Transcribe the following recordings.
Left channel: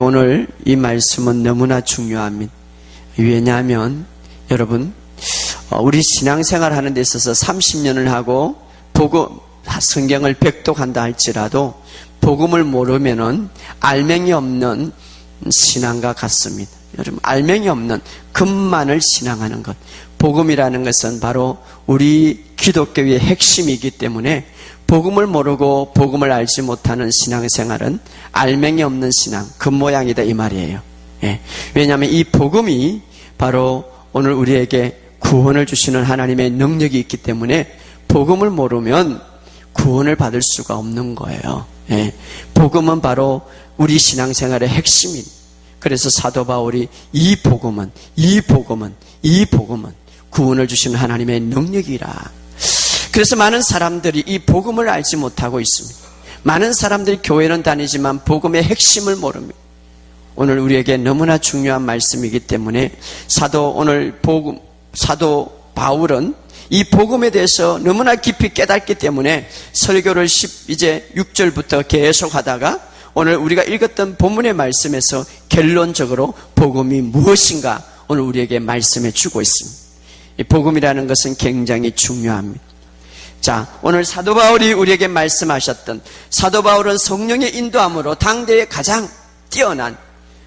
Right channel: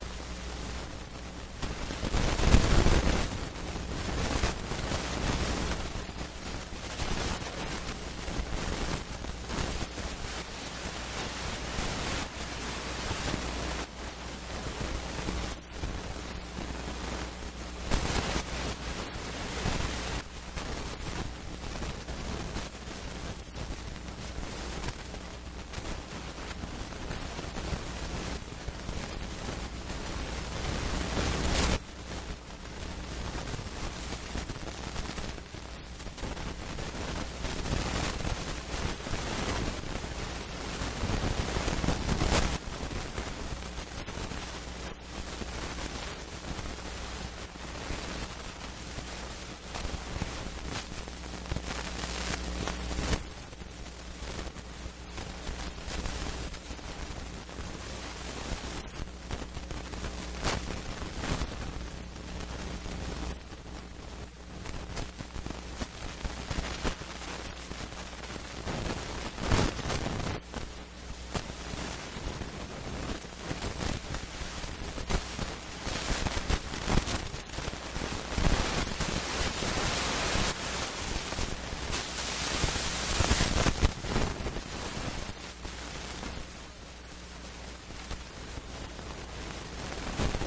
오늘 이 말씀은 너무나 중요합니다. 왜냐하면 여러분, 우리 신앙생활 하는 데 있어서 30년을 하고 성경을 백독한다 할지라도 복음을 모르면은 알맹이 없는 신앙과 같습니다. 여러분, 알맹이 없는 금만을 신앙하는 것. 복음이라는 것은 바로 우리 기독교의 핵심이기 때문에 복음을 모르고 복음을 알지 못하는 신앙생활은 알맹이 없는 신앙, 겉모양이다 이 말이에요. 왜냐하면 이 복음이 바로 오늘 우리에게 구원을 주시는 하나님의 능력이 있기 때문에 복음을 모르면 구원을 받을 수가 없는 거예요. 복음은 바로 우리 신앙생활의 핵심입니다. 그래서 사도 바울이 이 복음은 구원을 주시는 하나님의 능력이라. 그래서 많은 사람들이 이 복음을 알지 못하고 있습니다. 많은 사람들이 교회는 다니지만 복음의 핵심을 모릅니다. 오늘 우리에게 너무나 중요한 말씀이기 때문에 사도 바울은 이 복음에 대해서 너무나 깊이 깨닫기 때문에 설교를 이제 6절부터 계속 하다가 오늘 우리가 읽었던 본문의 말씀에서 결론적으로 복음이 무엇인가 오늘 우리에게 말씀해 주고 있습니다. 이 복음이라는 것은 굉장히 중요합니다. 자, 오늘 사도 바울이 우리에게 말씀하셨던, 사도 바울은 성령의 인도함으로 당대에 가장 뛰어난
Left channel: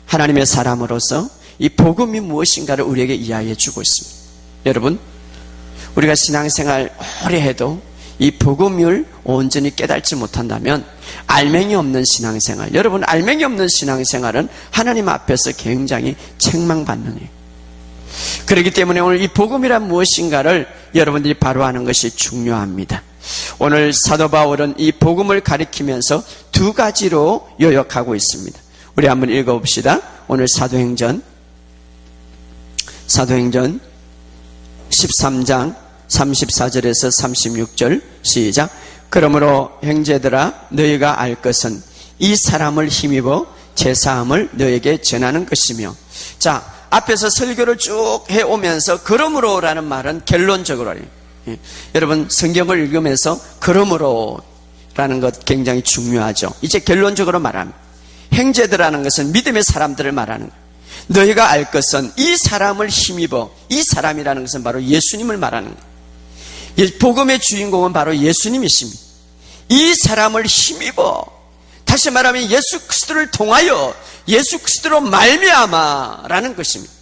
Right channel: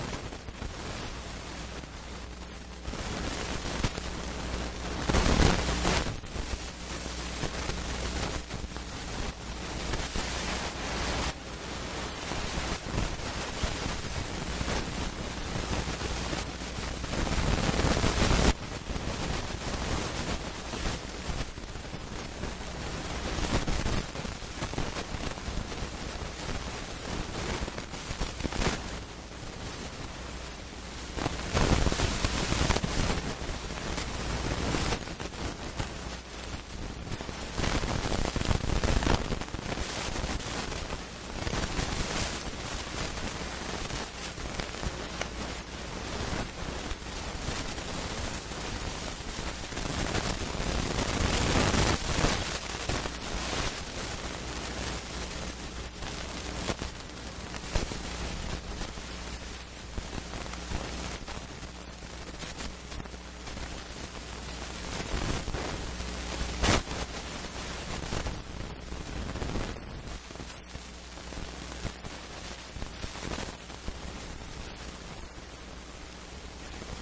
하나님의 사람으로서 이 복음이 무엇인가를 우리에게 이야기해 주고 있습니다. 여러분, 우리가 신앙생활 오래 해도 이 복음을 온전히 깨닫지 못한다면 알맹이 없는 신앙생활, 여러분, 알맹이 없는 신앙생활은 하나님 앞에서 굉장히 책망받는 거예요. 그렇기 때문에 오늘 이 복음이란 무엇인가를 여러분들이 바로 아는 것이 중요합니다. 오늘 사도 바울은 이 복음을 가리키면서 두 가지로 요약하고 있습니다. 우리 한번 읽어봅시다. 오늘 사도행전 13장 34절에서 36절 시작. 그러므로 형제들아, 너희가 알 것은 이 사람을 힘입어 제사함을 너에게 전하는 것이며. 자, 앞에서 설교를 쭉 해오면서 그러므로라는 말은 결론적으로, 여러분 성경을 읽으면서 그러므로라는 것 굉장히 중요하죠. 이제 결론적으로 말합니다. 형제들이라는 것은 믿음의 사람들을 말하는 거예요. 너희가 알 것은 이 사람을 힘입어, 이 사람이라는 것은 바로 예수님을 말하는 거예요. 복음의 주인공은 바로 예수님이십니다. 이 사람을 힘입어, 다시 말하면 예수 그리스도를 통하여, 예수 그리스도로 말미암아라는 것입니다.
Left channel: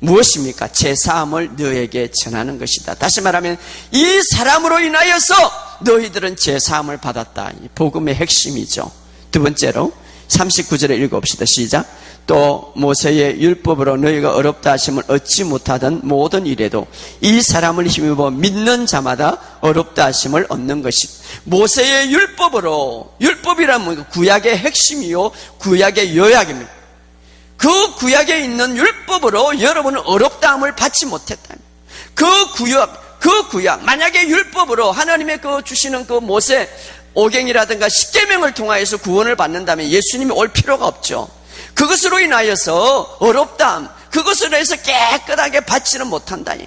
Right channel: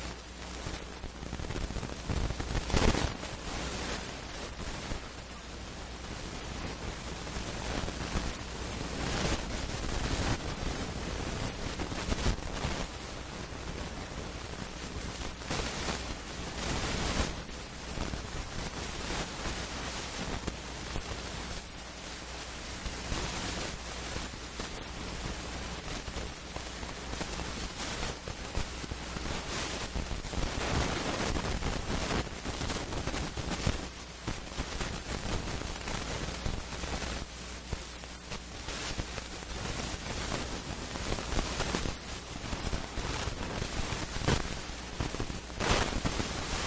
무엇입니까? 제사함을 너에게 전하는 것이다. 다시 말하면 이 사람으로 인하여서 너희들은 제사함을 받았다. 복음의 핵심이죠. 두 번째로 39절에 읽어봅시다. 시작. 또 모세의 율법으로 너희가 어렵다 하심을 얻지 못하던 모든 일에도 이 사람을 힘입어 믿는 자마다 어렵다 하심을 얻는 것이다. 모세의 율법으로, 율법이란 구약의 핵심이요 구약의 요약입니다. 그 구약에 있는 율법으로 여러분은 어렵다함을 받지 못했다. 그 구약, 만약에 율법으로 하나님의 주시는 모세 오경이라든가 십계명을 통하여서 구원을 받는다면 예수님이 올 필요가 없죠. 그것으로 인하여서 어렵다함, 그것으로 해서 깨끗하게 받지는 못한다니.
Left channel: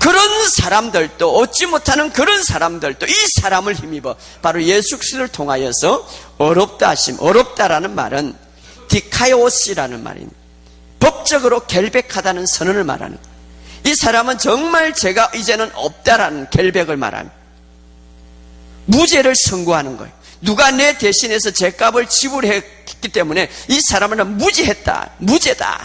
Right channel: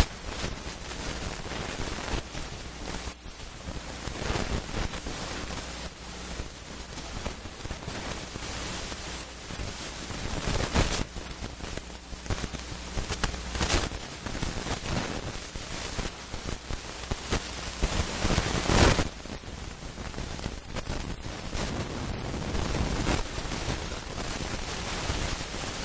그런 사람들도, 얻지 못하는 그런 사람들도 이 사람을 힘입어 바로 예수 그리스도를 통하여서 어렵다 하심. 어렵다라는 말은 디카이오시라는 말입니다. 법적으로 결백하다는 선언을 말하는 거예요. 이 사람은 정말 제가 이제는 없다라는 결백을 말하는 거예요. 무죄를 선고하는 거예요. 누가 내 대신해서 죄값을 지불했기 때문에 이 사람은 무죄했다, 무죄다.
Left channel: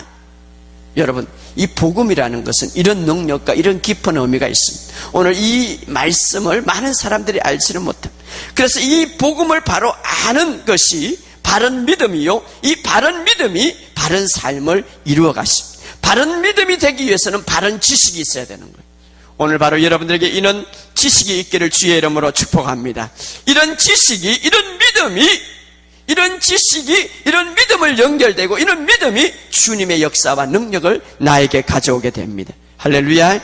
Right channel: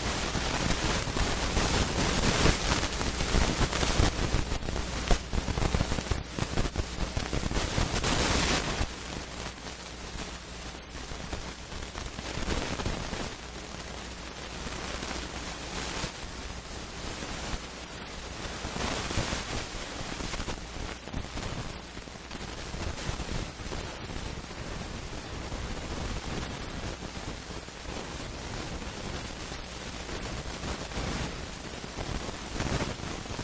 여러분, 이 복음이라는 것은 이런 능력과 이런 깊은 의미가 있습니다. 오늘 이 말씀을 많은 사람들이 알지는 못해요. 그래서 이 복음을 바로 아는 것이 바른 믿음이요, 이 바른 믿음이 바른 삶을 이루어 가십니다. 바른 믿음이 되기 위해서는 바른 지식이 있어야 되는 거예요. 오늘 바로 여러분들에게 이런 지식이 있기를 주의 이름으로 축복합니다. 이런 지식이, 이런 믿음을 연결되고 이런 믿음이 주님의 역사와 능력을 나에게 가져오게 됩니다. 할렐루야.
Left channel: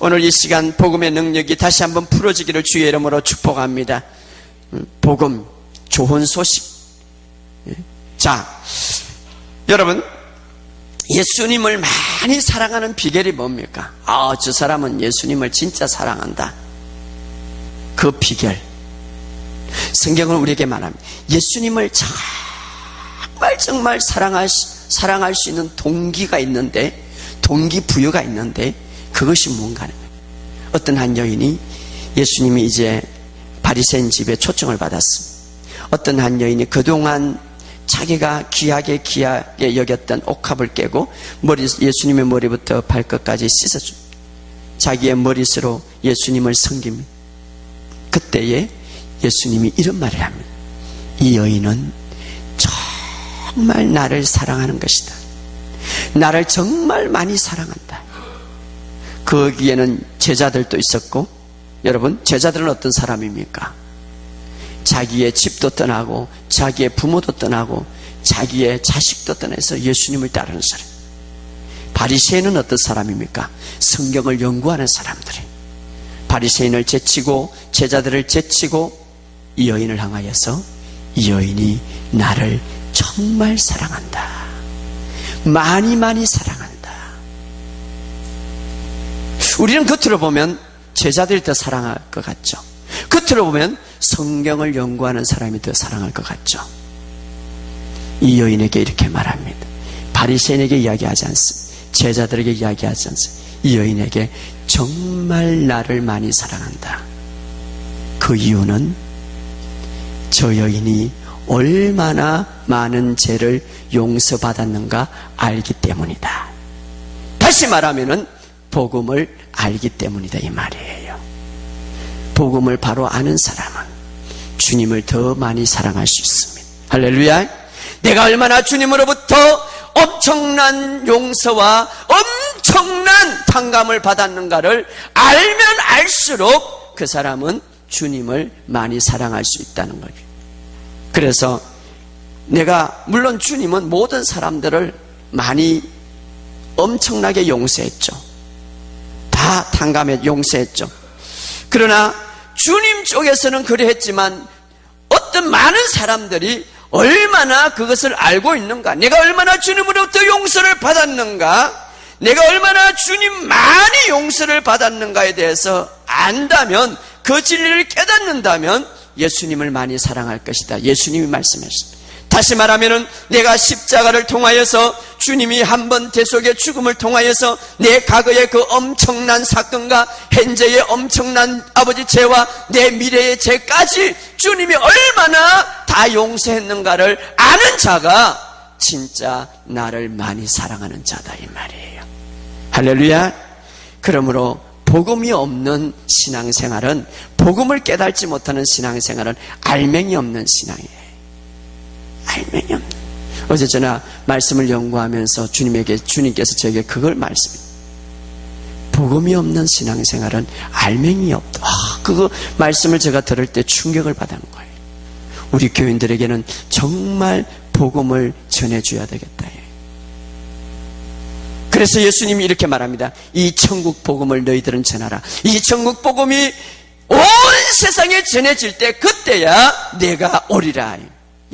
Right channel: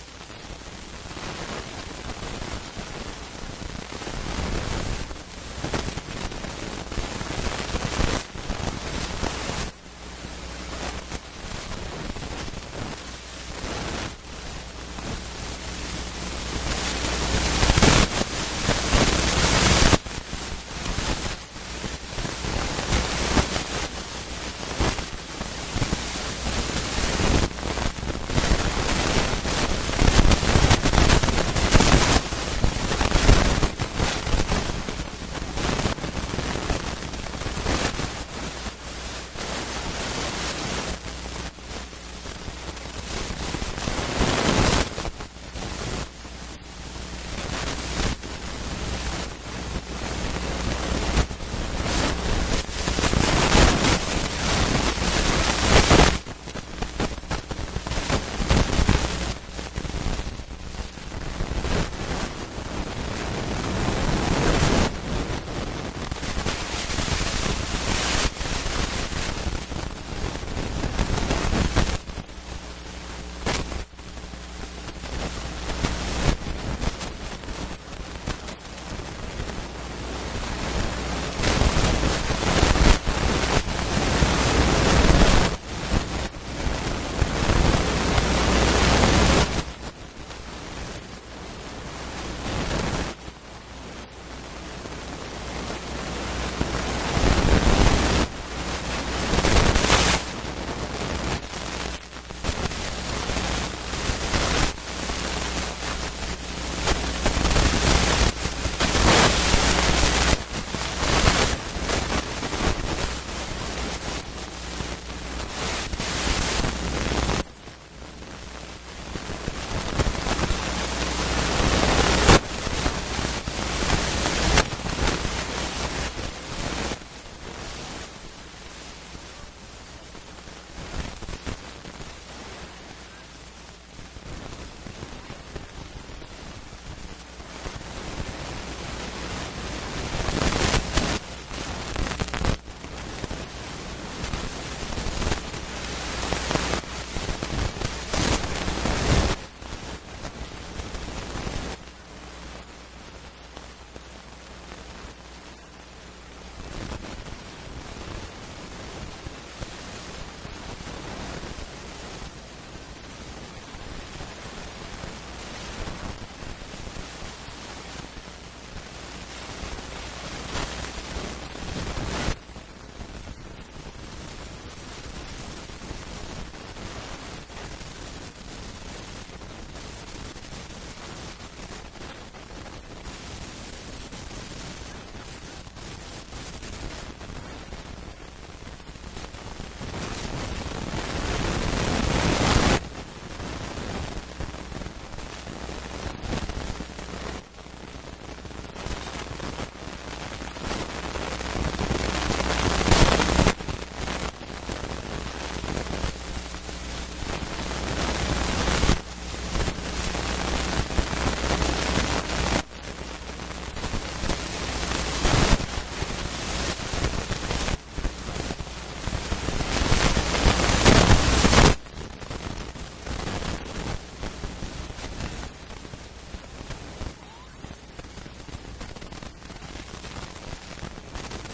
오늘 이 시간 복음의 능력이 다시 한번 풀어지기를 주의 이름으로 축복합니다. 복음, 좋은 소식. 자, 여러분, 예수님을 많이 사랑하는 비결이 뭡니까? 저 사람은 예수님을 진짜 사랑한다. 그 비결, 성경은 우리에게 말합니다. 예수님을 정말 사랑할 수 있는 동기가 있는데, 동기부여가 있는데, 그것이 뭔가요? 어떤 한 여인이 예수님이 이제 바리새인 집에 초청을 받았습니다. 어떤 한 여인이 그동안 자기가 귀하게 여겼던 옥합을 깨고 예수님의 머리부터 발끝까지 씻어줍니다. 자기의 머릿수로 예수님을 섬깁니다. 그때에 예수님이 이런 말을 합니다. 이 여인은 정말 나를 사랑하는 것이다. 나를 정말 많이 사랑한다. 거기에는 제자들도 있었고, 여러분, 제자들은 어떤 사람입니까? 자기의 집도 떠나고 자기의 부모도 떠나고 자기의 자식도 떠나서 예수님을 따르는 사람. 바리새인은 어떤 사람입니까? 성경을 연구하는 사람들이. 바리새인을 제치고 제자들을 제치고 이 여인을 향하여서 이 여인이 나를 정말 사랑한다. 많이 사랑한다. 우리는 겉으로 보면 제자들이 더 사랑할 것 같죠. 겉으로 보면 성경을 연구하는 사람이 더 사랑할 것 같죠. 이 여인에게 이렇게 말합니다. 바리새인에게 이야기하지 않습니다. 제자들에게 이야기하지 않습니다. 이 여인에게 정말 나를 많이 사랑한다. 그 이유는 저 여인이 얼마나 많은 죄를 용서받았는가 알기 때문이다. 다시 말하면은 복음을 알기 때문이다, 이 말이에요. 복음을 바로 아는 사람은 주님을 더 많이 사랑할 수 있습니다. 할렐루야. 내가 얼마나 주님으로부터 엄청난 용서와 엄청난 탕감을 받았는가를 알면 알수록 그 사람은 주님을 많이 사랑할 수 있다는 거예요. 그래서 물론 주님은 모든 사람들을 많이 엄청나게 용서했죠. 다 탕감해 용서했죠. 그러나 주님 쪽에서는 그랬지만 어떤 많은 사람들이 얼마나 그것을 알고 있는가, 내가 얼마나 주님으로부터 용서를 받았는가, 내가 얼마나 주님 많이 용서를 받았는가에 대해서 안다면, 그 진리를 깨닫는다면 예수님을 많이 사랑할 것이다. 예수님이 말씀하셨다. 다시 말하면은 내가 십자가를 통하여서 주님이 한 번 대속의 죽음을 통하여서 내 과거의 그 엄청난 사건과 현재의 엄청난 아버지 죄와 내 미래의 죄까지 주님이 얼마나 다 용서했는가를 아는 자가 진짜 나를 많이 사랑하는 자다, 이 말이에요. 할렐루야. 그러므로 복음이 없는 신앙생활은, 복음을 깨닫지 못하는 신앙생활은 알맹이 없는 신앙이에요. 알맹이 없는. 어제 저나 말씀을 연구하면서 주님께서 저에게 그걸 복음이 없는 신앙생활은 알맹이 없다. 그거 말씀을 제가 들을 때 충격을 받았는 거예요. 우리 교인들에게는 정말 복음을 전해줘야 되겠다. 그래서 예수님이 이렇게 말합니다. 이 천국 복음을 너희들은 전하라. 이 천국 복음이 온 세상에 전해질 때 그때야 내가 오리라.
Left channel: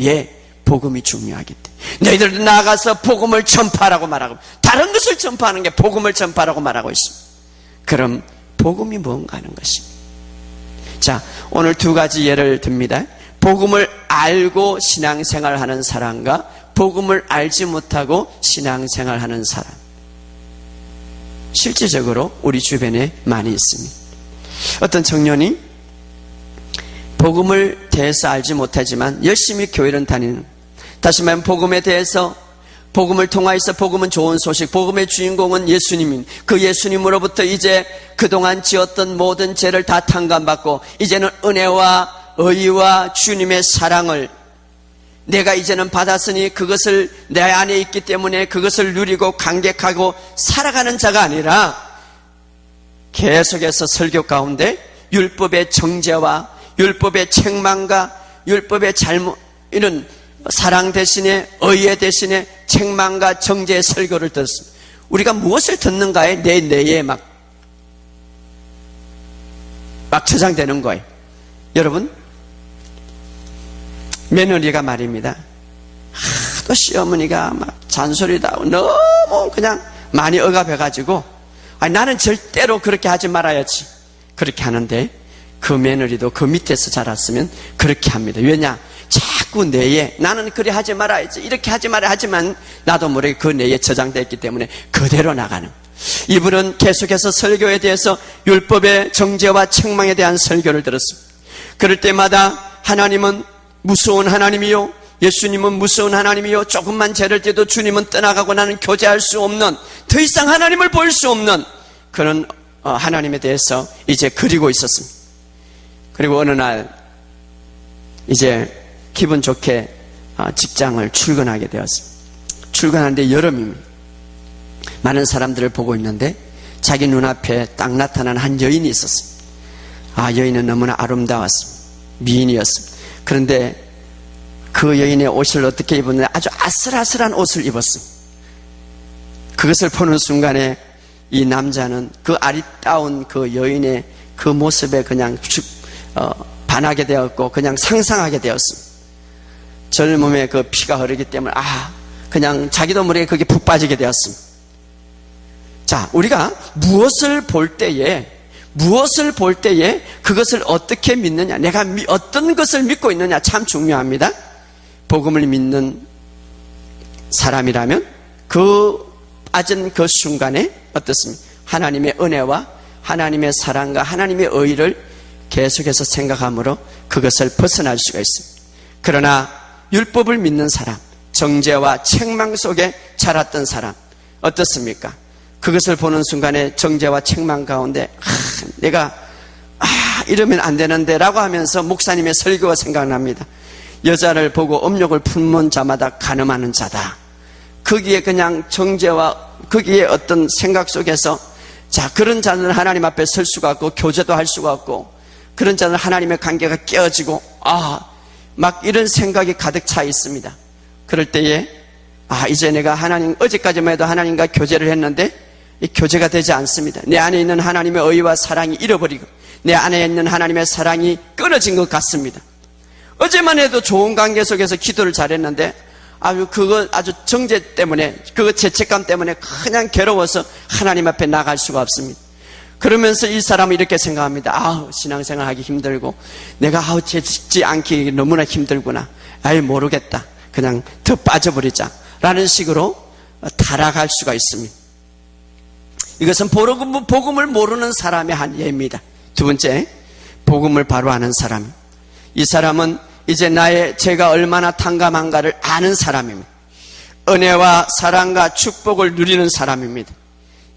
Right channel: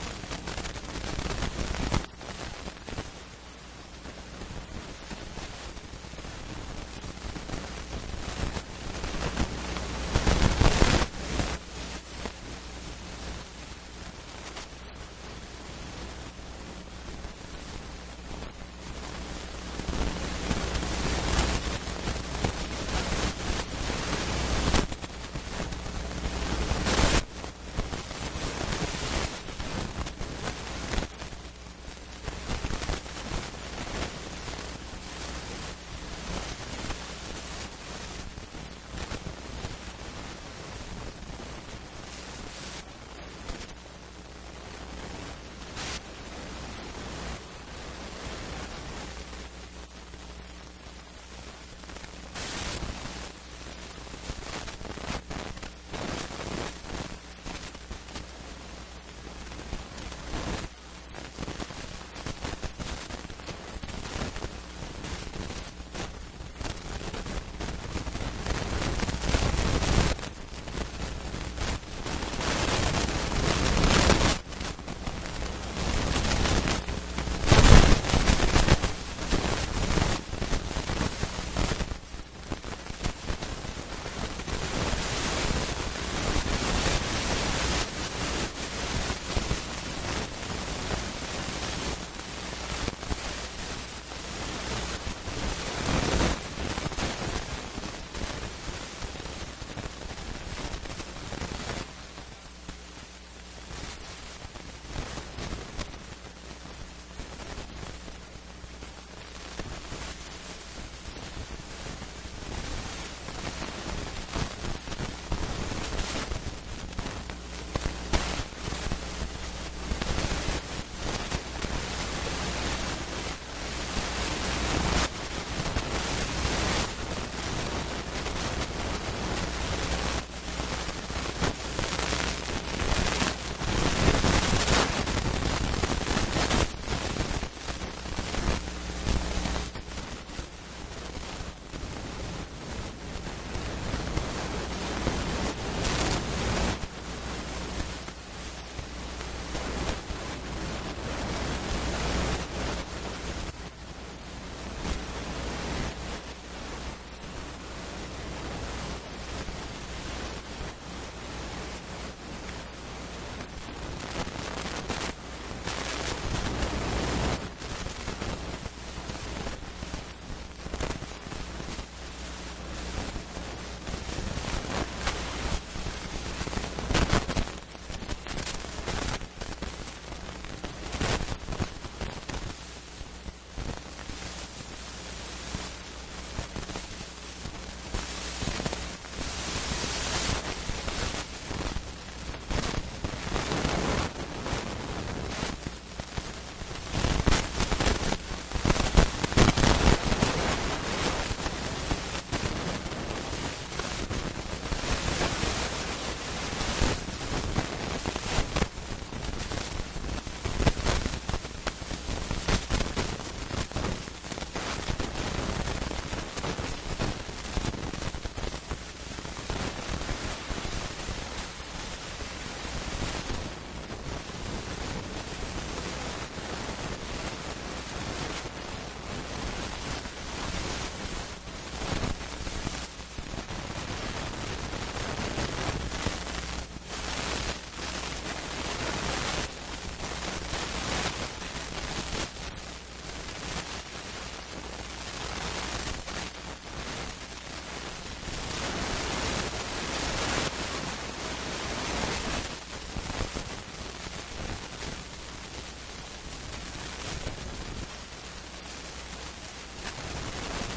예, 복음이 중요하기 때문에 너희들도 나가서 복음을 전파하라고 말하고, 다른 것을 전파하는 게 복음을 전파하라고 말하고 있습니다. 그럼 복음이 뭔가 하는 것입니다. 자, 오늘 두 가지 예를 듭니다. 복음을 알고 신앙생활하는 사람과 복음을 알지 못하고 신앙생활하는 사람. 실질적으로 우리 주변에 많이 있습니다. 어떤 청년이 복음을 대해서 알지 못하지만 열심히 교회를 다니는, 다시 말하면 복음에 대해서, 복음을 통하여서, 복음은 좋은 소식, 복음의 주인공은 예수님인, 그 예수님으로부터 이제 그동안 지었던 모든 죄를 다 탕감받고 이제는 은혜와 의와 주님의 사랑을 내가 이제는 받았으니 그것을 내 안에 있기 때문에 그것을 누리고 감격하고 살아가는 자가 아니라, 계속해서 설교 가운데 율법의 정죄와 율법의 책망과 율법의 잘못, 이런 사랑 대신에 의의 대신에 책망과 정죄의 설교를 듣습니다. 우리가 무엇을 듣는가에 내 뇌에 막 저장되는 거예요. 여러분, 며느리가 말입니다. 그 시어머니가 잔소리도 하고 너무 그냥 많이 억압해가지고, 나는 절대로 그렇게 하지 말아야지, 그렇게 하는데 그 며느리도 그 밑에서 자랐으면 그렇게 합니다. 왜냐? 자꾸 뇌에 나는 그래 하지 말아야지, 이렇게 하지 말아야 하지만 나도 모르게 그 뇌에 저장되어 있기 때문에 그대로 나가는 거예요. 이분은 계속해서 설교에 대해서 율법의 정죄와 책망에 대한 설교를 들었습니다. 그럴 때마다 하나님은 무서운 하나님이요, 예수님은 무서운 하나님이요, 조금만 죄를 져도 주님은 떠나가고 나는 교제할 수 없는, 더 이상 하나님을 볼 수 없는 그런 하나님에 대해서 이제 그리고 있었습니다. 그리고 어느 날 이제 기분 좋게 직장을 출근하게 되었습니다. 출근하는데 여름입니다. 많은 사람들을 보고 있는데 자기 눈앞에 딱 나타난 한 여인이 있었어요. 여인은 너무나 아름다웠습니다. 미인이었습니다. 그런데 그 여인의 옷을 어떻게 입었느냐, 아주 아슬아슬한 옷을 입었습니다. 그것을 보는 순간에 이 남자는 그 아리따운 그 여인의 그 모습에 그냥 반하게 되었고 그냥 상상하게 되었습니다. 젊음에 그 피가 흐르기 때문에 그냥 자기도 모르게 그게 푹 빠지게 되었습니다. 자, 우리가 무엇을 볼 때에 그것을 어떻게 믿느냐, 내가 어떤 것을 믿고 있느냐 참 중요합니다. 복음을 믿는 사람이라면 그 아전 그 순간에 어떻습니까? 하나님의 은혜와 하나님의 사랑과 하나님의 의를 계속해서 생각함으로 그것을 벗어날 수가 있습니다. 그러나 율법을 믿는 사람, 정죄와 책망 속에 자랐던 사람 어떻습니까? 그것을 보는 순간에 정죄와 책망 가운데 내가 이러면 안 되는데 라고 하면서 목사님의 설교가 생각납니다. 여자를 보고 음욕을 품는 자마다 간음하는 자다. 거기에 그냥 정죄와 거기에 어떤 생각 속에서 그런 자는 하나님 앞에 설 수가 없고 교제도 할 수가 없고, 그런 자는 하나님의 관계가 깨어지고 막 이런 생각이 가득 차 있습니다. 그럴 때에 이제 내가 어제까지만 해도 하나님과 교제를 했는데 이 교제가 되지 않습니다. 내 안에 있는 하나님의 의와 사랑이 잃어버리고 내 안에 있는 하나님의 사랑이 끊어진 것 같습니다. 어제만 해도 좋은 관계 속에서 기도를 잘했는데 아주 정죄 때문에, 그 죄책감 때문에 그냥 괴로워서 하나님 앞에 나갈 수가 없습니다. 그러면서 이 사람은 이렇게 생각합니다. 신앙생활 하기 힘들고 내가 죄 짓지 않기 너무나 힘들구나. 모르겠다. 그냥 더 빠져버리자 라는 식으로 타락할 수가 있습니다. 이것은 복음을 모르는 사람의 한 예입니다. 두 번째, 복음을 바로 아는 사람. 이 사람은 이제 나의 죄가 얼마나 탕감한가를 아는 사람입니다. 은혜와 사랑과 축복을 누리는 사람입니다.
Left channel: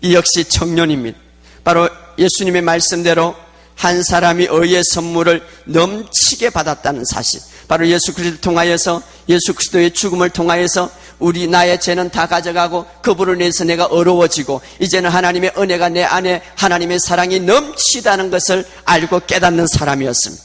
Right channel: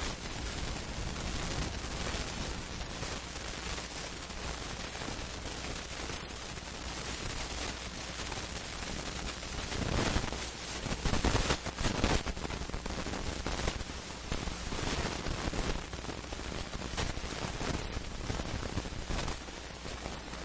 이 역시 청년입니다. 바로 예수님의 말씀대로 한 사람이 의의 선물을 넘치게 받았다는 사실, 바로 예수 그리스도를 통하여서, 예수 그리스도의 죽음을 통하여서 나의 죄는 다 가져가고 그분을 인해서 내가 어려워지고 이제는 하나님의 은혜가 내 안에, 하나님의 사랑이 넘치다는 것을 알고 깨닫는 사람이었습니다.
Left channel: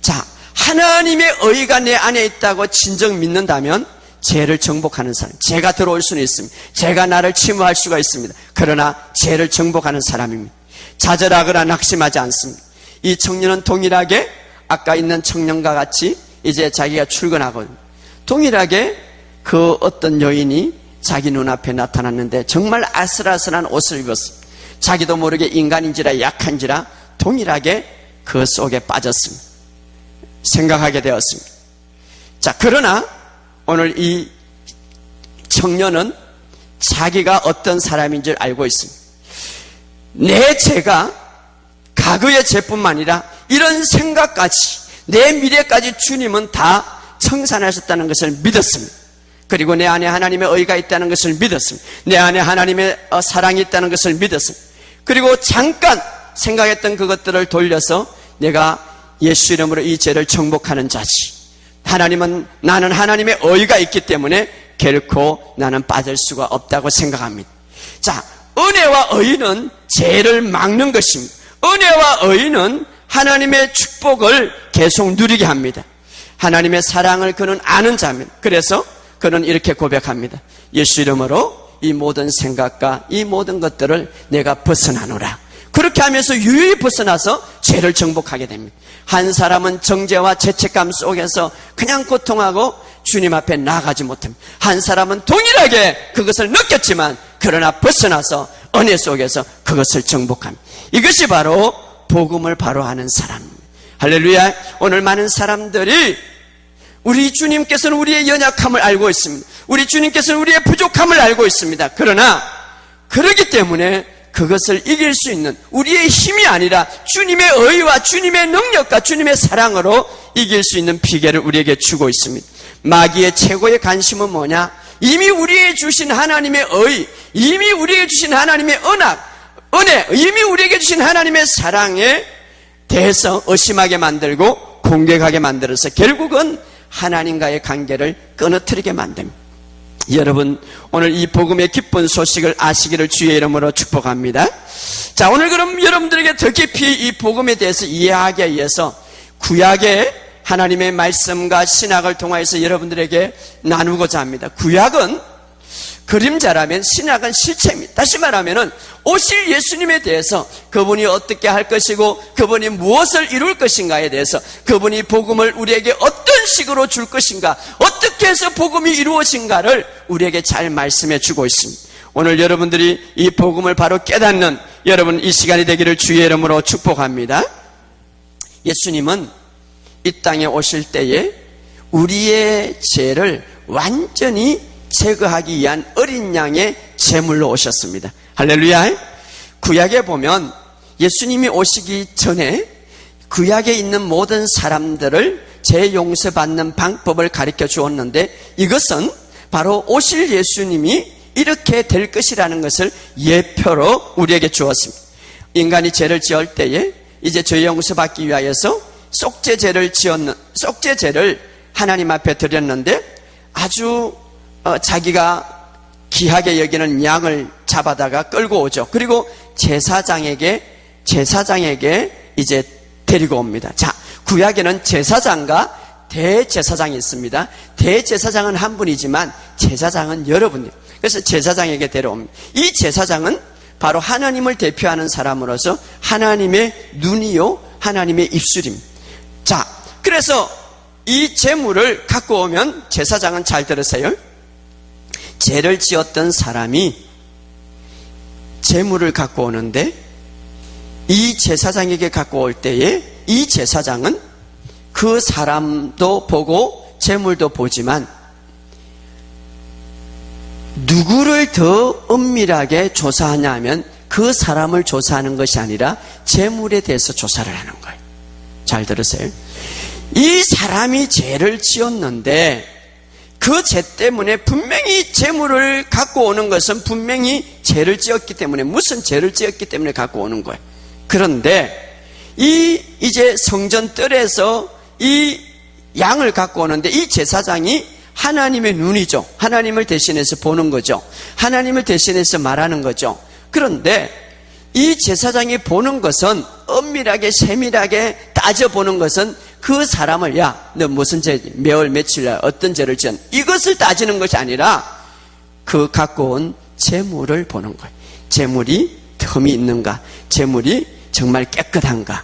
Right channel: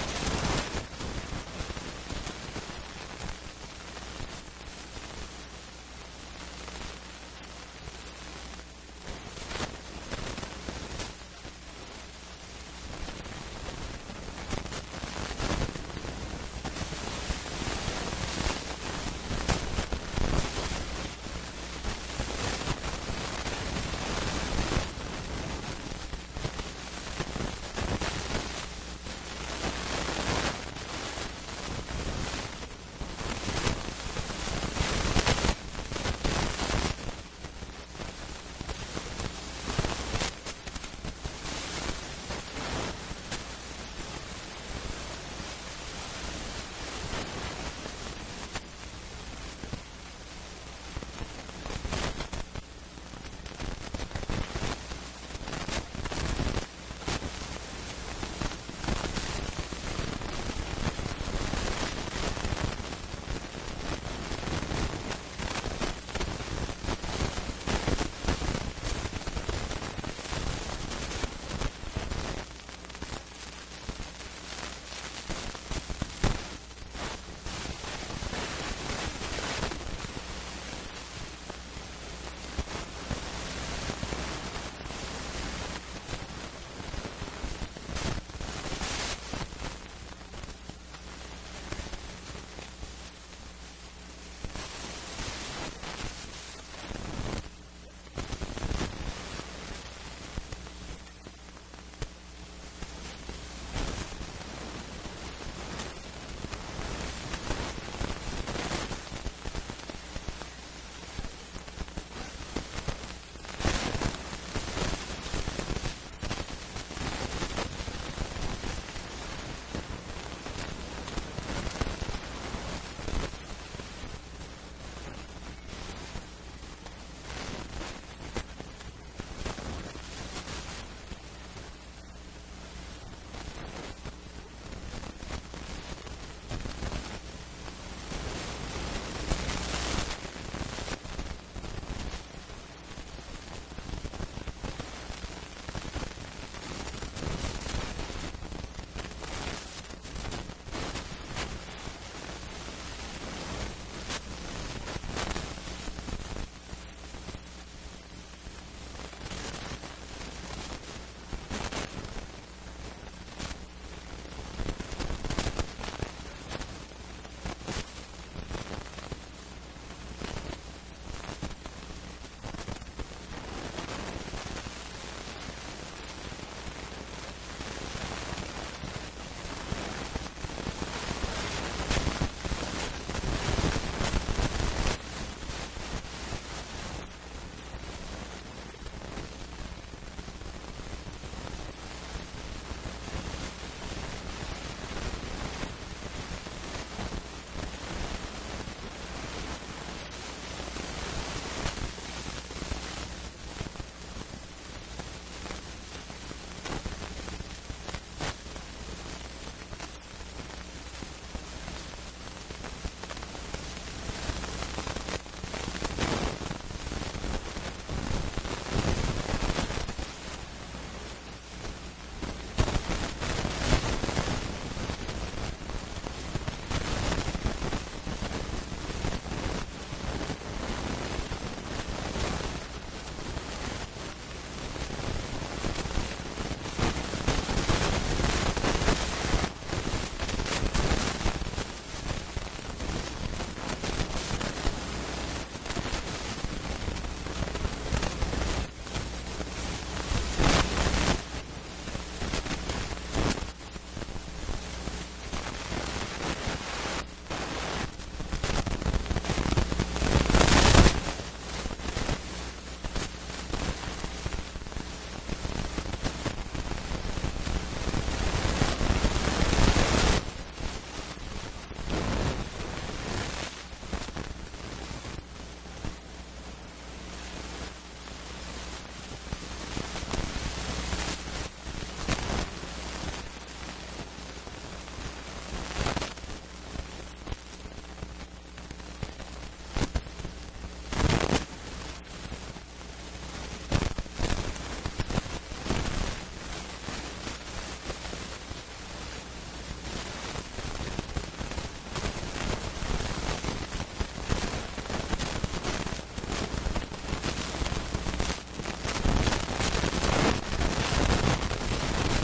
자, 하나님의 의가 내 안에 있다고 진정 믿는다면 죄를 정복하는 사람, 죄가 들어올 수는 있습니다. 죄가 나를 침범할 수가 있습니다. 그러나 죄를 정복하는 사람입니다. 좌절하거나 낙심하지 않습니다. 이 청년은 동일하게 아까 있는 청년과 같이 이제 자기가 출근하고 동일하게 그 어떤 여인이 자기 눈앞에 나타났는데 정말 아슬아슬한 옷을 입었습니다. 자기도 모르게 인간인지라 약한지라 동일하게 그 속에 빠졌습니다. 생각하게 되었습니다. 자, 그러나 오늘 이 청년은 자기가 어떤 사람인 줄 알고 있습니다. 내 죄가 과거의 죄뿐만 아니라 이런 생각까지, 내 미래까지 주님은 다 청산하셨다는 것을 믿었습니다. 그리고 내 안에 하나님의 의가 있다는 것을 믿었습니다. 내 안에 하나님의 사랑이 있다는 것을 믿었습니다. 그리고 잠깐 생각했던 그것들을 돌려서 내가 예수 이름으로 이 죄를 정복하는 자지, 나는 하나님의 의가 있기 때문에 결코 나는 빠질 수가 없다고 생각합니다. 자, 은혜와 의는 죄를 막는 것입니다. 은혜와 의는 하나님의 축복을 계속 누리게 합니다. 하나님의 사랑을 그는 아는 자입니다. 그래서 그는 이렇게 고백합니다. 예수 이름으로 이 모든 생각과 이 모든 것들을 내가 벗어나노라. 그렇게 하면서 유유히 벗어나서 죄를 정복하게 됩니다. 한 사람은 정죄와 죄책감 속에서 그냥 고통하고 주님 앞에 나아가지 못합니다. 한 사람은 동일하게 그것을 느꼈지만 그러나 벗어나서 은혜 속에서 그것을 정복합니다. 이것이 바로 복음을 바로 아는 사람. 할렐루야. 오늘 많은 사람들이 우리 주님께서는 우리의 연약함을 알고 있습니다. 우리 주님께서는 우리의 부족함을 알고 있습니다. 그러나 그렇기 때문에 그것을 이길 수 있는 우리의 힘이 아니라 주님의 의와 주님의 능력과 주님의 사랑으로 이길 수 있는 비결을 우리에게 주고 있습니다. 마귀의 최고의 관심은 뭐냐? 이미 우리에게 주신 하나님의 의, 이미 우리에게 주신 하나님의 은혜, 이미 우리에게 주신 하나님의 사랑에 대해서 의심하게 만들고 공격하게 만들어서 결국은 하나님과의 관계를 끊어뜨리게 만듭니다. 여러분, 오늘 이 복음의 기쁜 소식을 아시기를 주의 이름으로 축복합니다. 자, 오늘 그럼 여러분들에게 더 깊이 이 복음에 대해서 이해하기 위해서 구약의 하나님의 말씀과 신학을 통하여서 여러분들에게 나누고자 합니다. 구약은 그림자라면 신학은 실체입니다. 다시 말하면 오실 예수님에 대해서 그분이 어떻게 할 것이고 그분이 무엇을 이룰 것인가에 대해서 그분이 복음을 우리에게 어떤 식으로 줄 것인가, 어떻게 해서 복음이 이루어진가를 우리에게 잘 말씀해 주고 있습니다. 오늘 여러분들이 이 복음을 바로 깨닫는 여러분 이 시간이 되기를 주의 이름으로 축복합니다. 예수님은 이 땅에 오실 때에 우리의 죄를 완전히 제거하기 위한 어린 양의 제물로 오셨습니다. 할렐루야. 구약에 보면 예수님이 오시기 전에 구약에 있는 모든 사람들을 죄 용서받는 방법을 가르쳐 주었는데 이것은 바로 오실 예수님이 이렇게 될 것이라는 것을 예표로 우리에게 주었습니다. 인간이 죄를 지을 때에 이제 죄 용서받기 위하여서 속죄제를 하나님 앞에 드렸는데 아주 자기가 귀하게 여기는 양을 잡아다가 끌고 오죠. 그리고 제사장에게 이제 데리고 옵니다. 자, 구약에는 제사장과 대제사장이 있습니다. 대제사장은 한 분이지만 제사장은 여러 분입니다. 그래서 제사장에게 데려옵니다. 이 제사장은 바로 하나님을 대표하는 사람으로서 하나님의 눈이요 하나님의 입술입니다. 자, 그래서 이 제물을 갖고 오면 제사장은 잘 들으세요. 죄를 지었던 사람이 제물을 갖고 오는데 이 제사장에게 갖고 올 때에 이 제사장은 그 사람도 보고 제물도 보지만 누구를 더 은밀하게 조사하냐 하면 그 사람을 조사하는 것이 아니라 제물에 대해서 조사를 하는 거예요. 잘 들으세요. 이 사람이 죄를 지었는데 그 죄 때문에 분명히 제물을 갖고 오는 것은 분명히 죄를 지었기 때문에 무슨 죄를 지었기 때문에 갖고 오는 거예요. 그런데 이제 성전 뜰에서 이 양을 갖고 오는데 이 제사장이 하나님의 눈이죠. 하나님을 대신해서 보는 거죠. 하나님을 대신해서 말하는 거죠. 그런데 이 제사장이 보는 것은 엄밀하게 세밀하게 따져보는 것은 그 사람을 야, 너 무슨 죄, 몇월 며칠날 어떤 죄를 지은 이것을 따지는 것이 아니라 그 갖고 온 제물을 보는 거예요. 제물이 흠이 있는가, 제물이 정말 깨끗한가,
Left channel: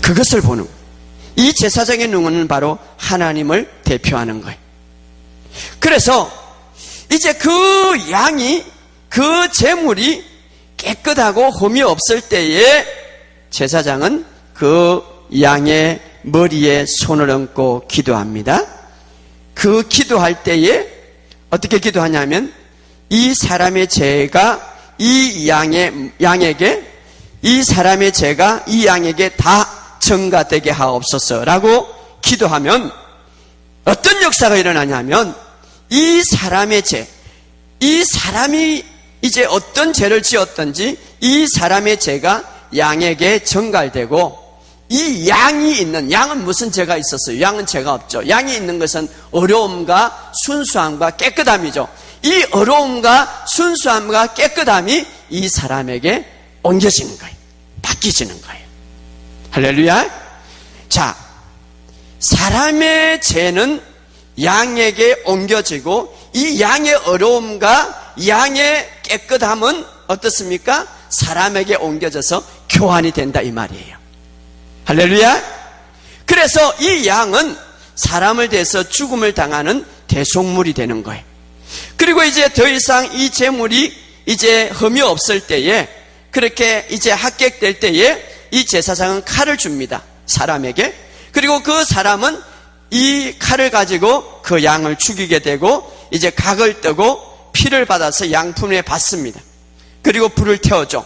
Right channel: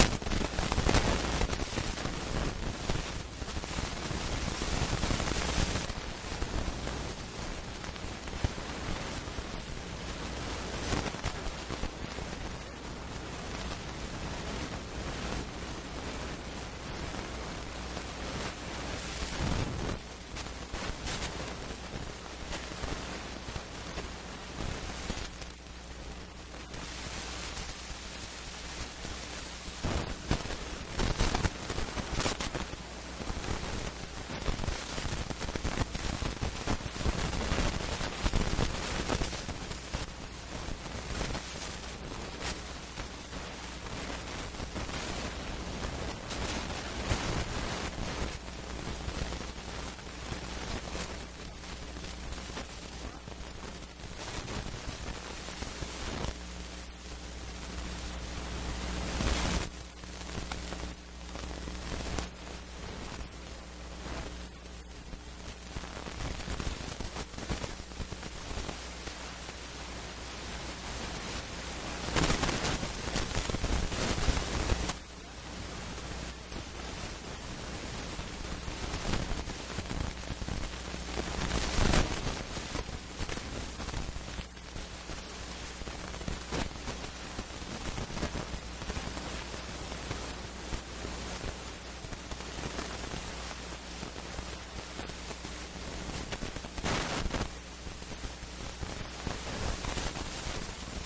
그것을 보는 거예요. 이 제사장의 눈은 바로 하나님을 대표하는 거예요. 그래서 이제 그 양이, 그 제물이 깨끗하고 흠이 없을 때에 제사장은 그 양의 머리에 손을 얹고 기도합니다. 그 기도할 때에 어떻게 기도하냐면 이 사람의 죄가 이 양에게, 이 사람의 죄가 이 양에게 다 전가되게 하옵소서라고 기도하면 어떤 역사가 일어나냐면 이 사람의 죄, 이 사람이 이제 어떤 죄를 지었든지 이 사람의 죄가 양에게 전갈되고 이 양이 있는, 양은 무슨 죄가 있었어요? 양은 죄가 없죠. 양이 있는 것은 어려움과 순수함과 깨끗함이죠. 이 어려움과 순수함과 깨끗함이 이 사람에게 옮겨지는 거예요. 바뀌지는 거예요. 할렐루야. 자, 사람의 죄는 양에게 옮겨지고 이 양의 어려움과 양의 깨끗함은 어떻습니까? 사람에게 옮겨져서 교환이 된다 이 말이에요. 할렐루야. 그래서 이 양은 사람을 대해서 죽음을 당하는 대속물이 되는 거예요. 그리고 이제 더 이상 이 제물이 이제 흠이 없을 때에, 그렇게 이제 합격될 때에 이 제사장은 칼을 줍니다. 사람에게. 그리고 그 사람은 이 칼을 가지고 그 양을 죽이게 되고 이제 각을 뜨고 피를 받아서 양품에 받습니다. 그리고 불을 태워줘.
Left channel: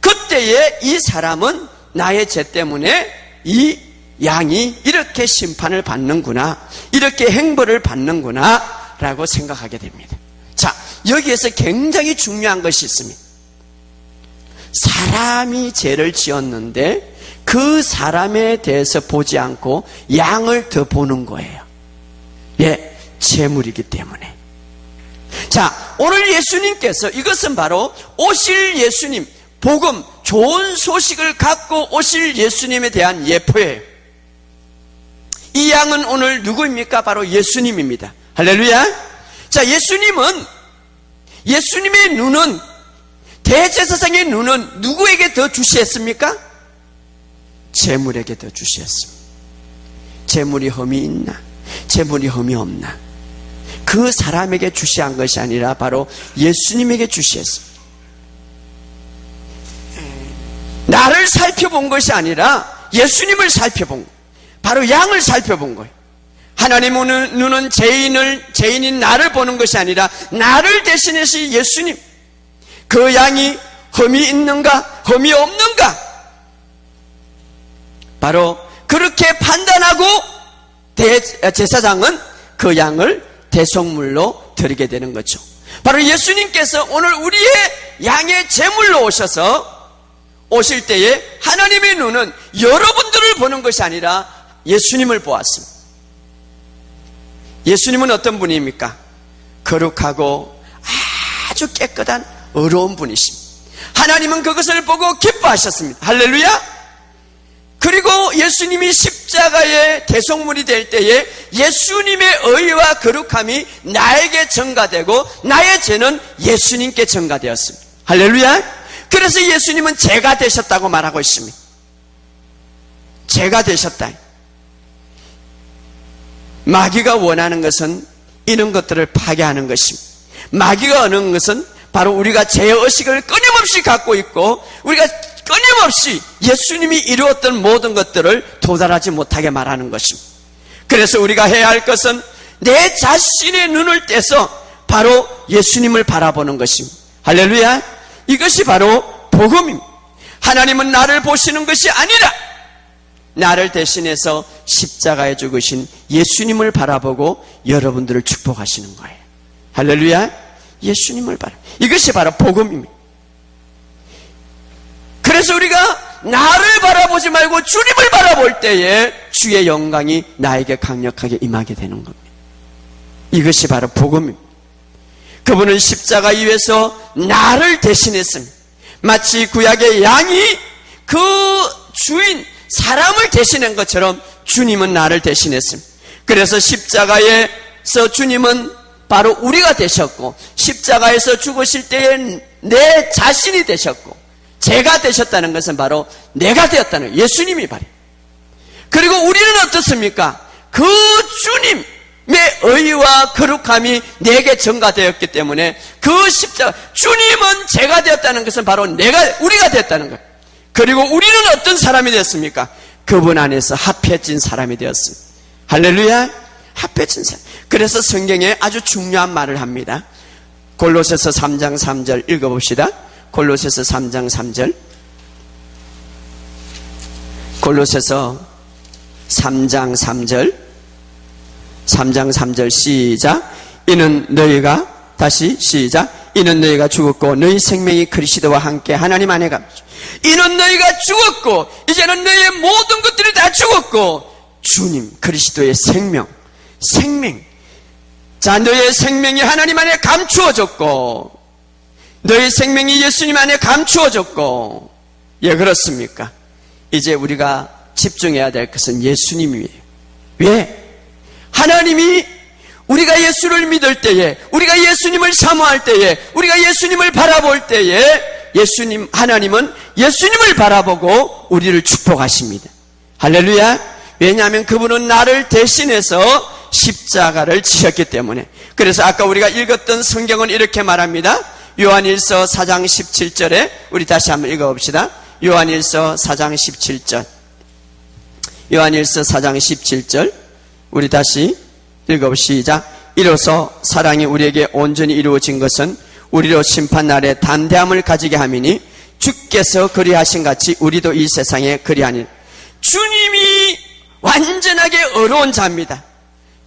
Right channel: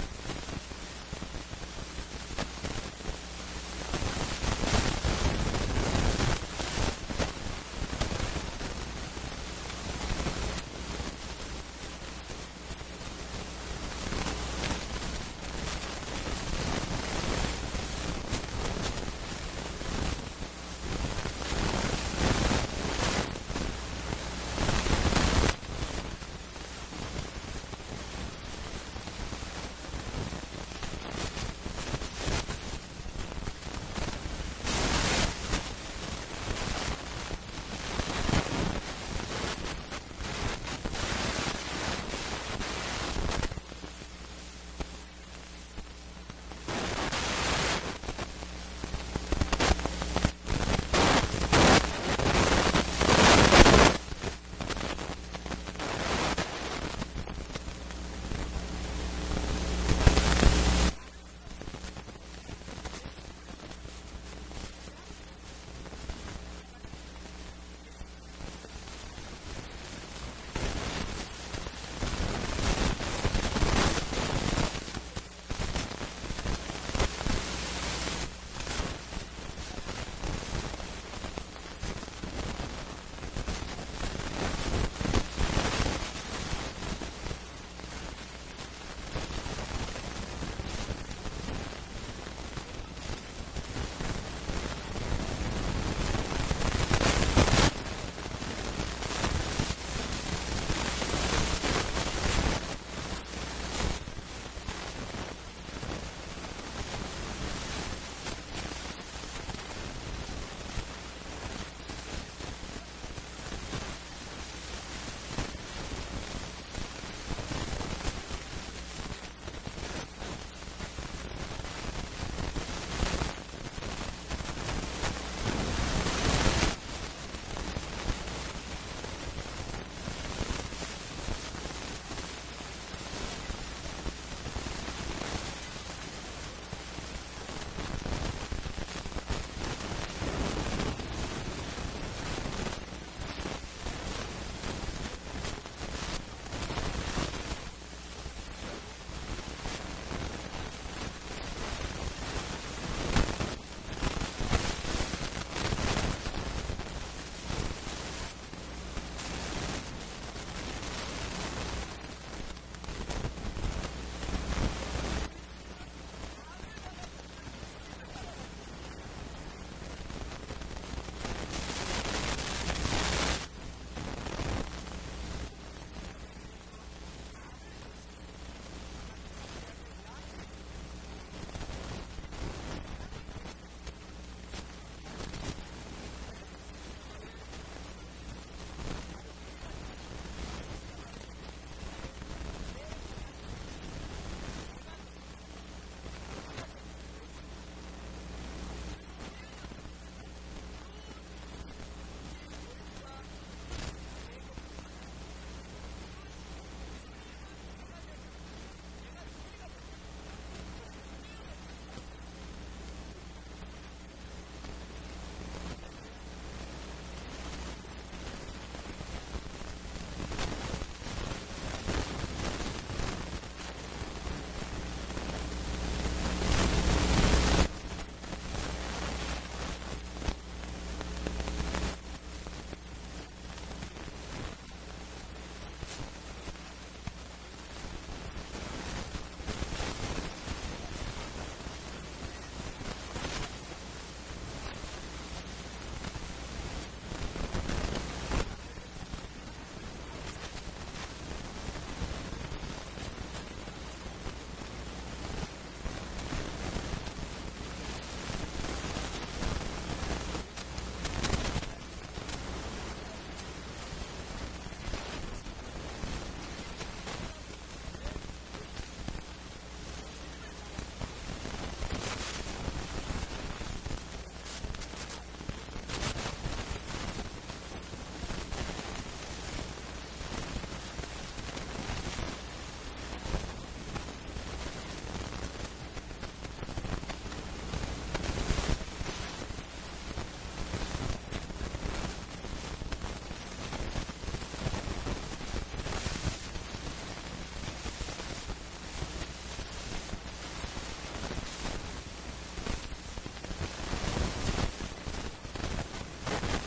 그때에 이 사람은 나의 죄 때문에 이 양이 이렇게 심판을 받는구나, 이렇게 행벌을 받는구나 라고 생각하게 됩니다. 자, 여기에서 굉장히 중요한 것이 있습니다. 사람이 죄를 지었는데 그 사람에 대해서 보지 않고 양을 더 보는 거예요. 예, 재물이기 때문에. 자, 오늘 예수님께서, 이것은 바로 오실 예수님, 복음, 좋은 소식을 갖고 오실 예수님에 대한 예표예요. 이 양은 오늘 누구입니까? 바로 예수님입니다. 할렐루야. 자, 예수님의 눈은, 대제사장의 눈은 누구에게 더 주시했습니까? 재물에게 더 주시했습니다. 재물이 흠이 있나, 재물이 흠이 없나, 그 사람에게 주시한 것이 아니라 바로 예수님에게 주시했습니다. 나를 살펴본 것이 아니라 예수님을 살펴본 거예요. 바로 양을 살펴본 거예요. 하나님의 눈은 죄인인 나를 보는 것이 아니라 나를 대신해서 예수님, 그 양이 흠이 있는가 흠이 없는가, 바로 그렇게 판단하고 제사장은 그 양을 대속물로 드리게 되는 거죠. 바로 예수님께서 오늘 우리의 양의 제물로 오실 때에 하나님의 눈은 여러분들을 보는 것이 아니라 예수님을 보았습니다. 예수님은 어떤 분입니까? 거룩하고 아주 깨끗한 의로운 분이십니다. 하나님은 그것을 보고 기뻐하셨습니다. 할렐루야. 그리고 예수님이 십자가의 대속물이 될 때에 예수님의 의와 거룩함이 나에게 전가되고 나의 죄는 예수님께 전가되었습니다. 할렐루야. 그래서 예수님은 죄가 되셨다고 말하고 있습니다. 죄가 되셨다. 마귀가 원하는 것은 이런 것들을 파괴하는 것입니다. 마귀가 원하는 것은 바로 우리가 죄의식을 끊임없이 갖고 있고 우리가 끊임없이 예수님이 이루었던 모든 것들을 도달하지 못하게 말하는 것입니다. 그래서 우리가 해야 할 것은 내 자신의 눈을 떼서 바로 예수님을 바라보는 것입니다. 할렐루야. 이것이 바로 복음입니다. 하나님은 나를 보시는 것이 아니라 나를 대신해서 십자가에 죽으신 예수님을 바라보고 여러분들을 축복하시는 거예요. 할렐루야. 예수님을 이것이 바로 복음입니다. 그래서 우리가 나를 바라보지 말고 주님을 바라볼 때에 주의 영광이 나에게 강력하게 임하게 되는 거예요. 이것이 바로 복음입니다. 그분은 십자가 위에서 나를 대신했습니다. 마치 구약의 양이 그 주인 사람을 대신한 것처럼 주님은 나를 대신했습니다. 그래서 십자가에서 주님은 바로 우리가 되셨고 십자가에서 죽으실 때에 내 자신이 되셨고 제가 되셨다는 것은 바로 내가 되었다는 거예요. 예수님이 바로. 그리고 우리는 어떻습니까? 그 주님의 의와 거룩함이 내게 전가되었기 때문에 그 십자가, 주님은 제가 되었다는 것은 바로 우리가 되었다는 거예요. 그리고 우리는 어떤 사람이 되었습니까? 그분 안에서 합해진 사람이 되었습니다. 할렐루야. 합해진 사람. 그래서 성경에 아주 중요한 말을 합니다. 골로새서 3장 3절 읽어봅시다. 골로새서 3장 3절. 골로새서 3장 3절. 3장 3절 시작. 이는 너희가, 다시 시작. 이는 너희가 죽었고 너희 생명이 그리스도와 함께 하나님 안에 가. 이는 너희가 죽었고 이제는 너희의 모든 것들이 다 죽었고 주님 그리스도의 생명. 자, 너희의 생명이 하나님 안에 감추어졌고 너희 생명이 예수님 안에 감추어졌고, 예, 그렇습니까? 이제 우리가 집중해야 될 것은 예수님이에요. 왜? 하나님이 우리가 예수를 믿을 때에, 우리가 예수님을 사모할 때에, 우리가 예수님을 바라볼 때에 하나님은 예수님을 바라보고 우리를 축복하십니다. 할렐루야. 왜냐하면 그분은 나를 대신해서 십자가를 지셨기 때문에. 그래서 아까 우리가 읽었던 성경은 이렇게 말합니다. 요한일서 4장 17절에 우리 다시 한번 읽어봅시다. 요한일서 4장 17절. 요한일서 4장 17절 우리 다시 읽어봅시다. 이로써 사랑이 우리에게 온전히 이루어진 것은 우리로 심판날에 담대함을 가지게 함이니 주께서 그리하신 같이 우리도 이 세상에 그리하니. 주님이 완전하게 어려운 자입니다.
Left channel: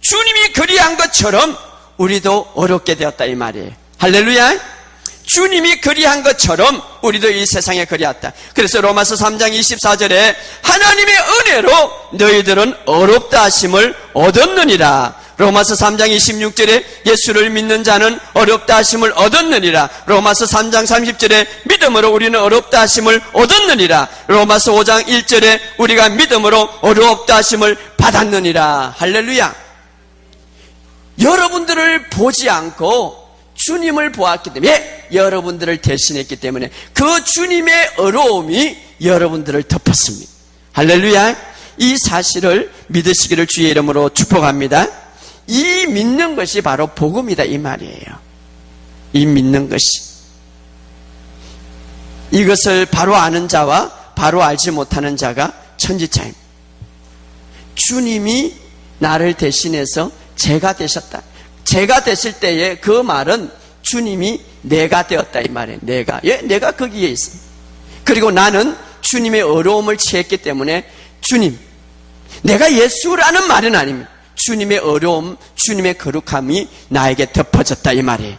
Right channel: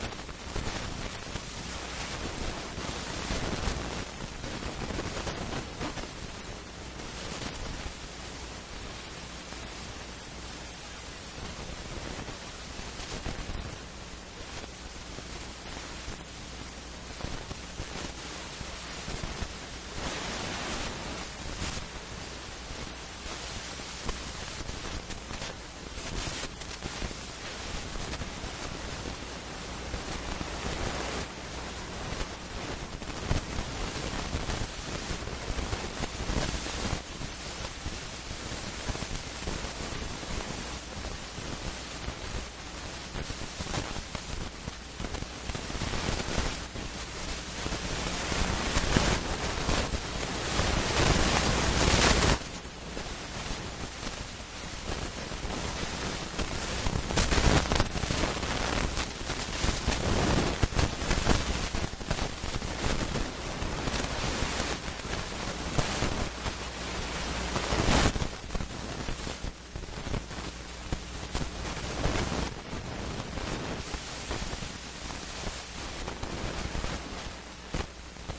주님이 그리한 것처럼 우리도 어렵게 되었다 이 말이에요. 할렐루야. 주님이 그리한 것처럼 우리도 이 세상에 그리했다. 그래서 로마서 3장 24절에 하나님의 은혜로 너희들은 어렵다 하심을 얻었느니라. 로마서 3장 26절에 예수를 믿는 자는 어렵다 하심을 얻었느니라. 로마서 3장 30절에 믿음으로 우리는 어렵다 하심을 얻었느니라. 로마서 5장 1절에 우리가 믿음으로 어렵다 하심을 받았느니라. 할렐루야. 여러분들을 보지 않고 주님을 보았기 때문에, 여러분들을 대신했기 때문에 그 주님의 어려움이 여러분들을 덮었습니다. 할렐루야. 이 사실을 믿으시기를 주의 이름으로 축복합니다. 이 믿는 것이 바로 복음이다 이 말이에요. 이 믿는 것이, 이것을 바로 아는 자와 바로 알지 못하는 자가 천지차입니다. 주님이 나를 대신해서 제가 되셨다. 제가 됐을 때에 그 말은 주님이 내가 되었다 이 말이에요. 내가 거기에 있어. 그리고 나는 주님의 어려움을 취했기 때문에 주님, 내가 예수라는 말은 아닙니다. 주님의 어려움, 주님의 거룩함이 나에게 덮어졌다 이 말이에요.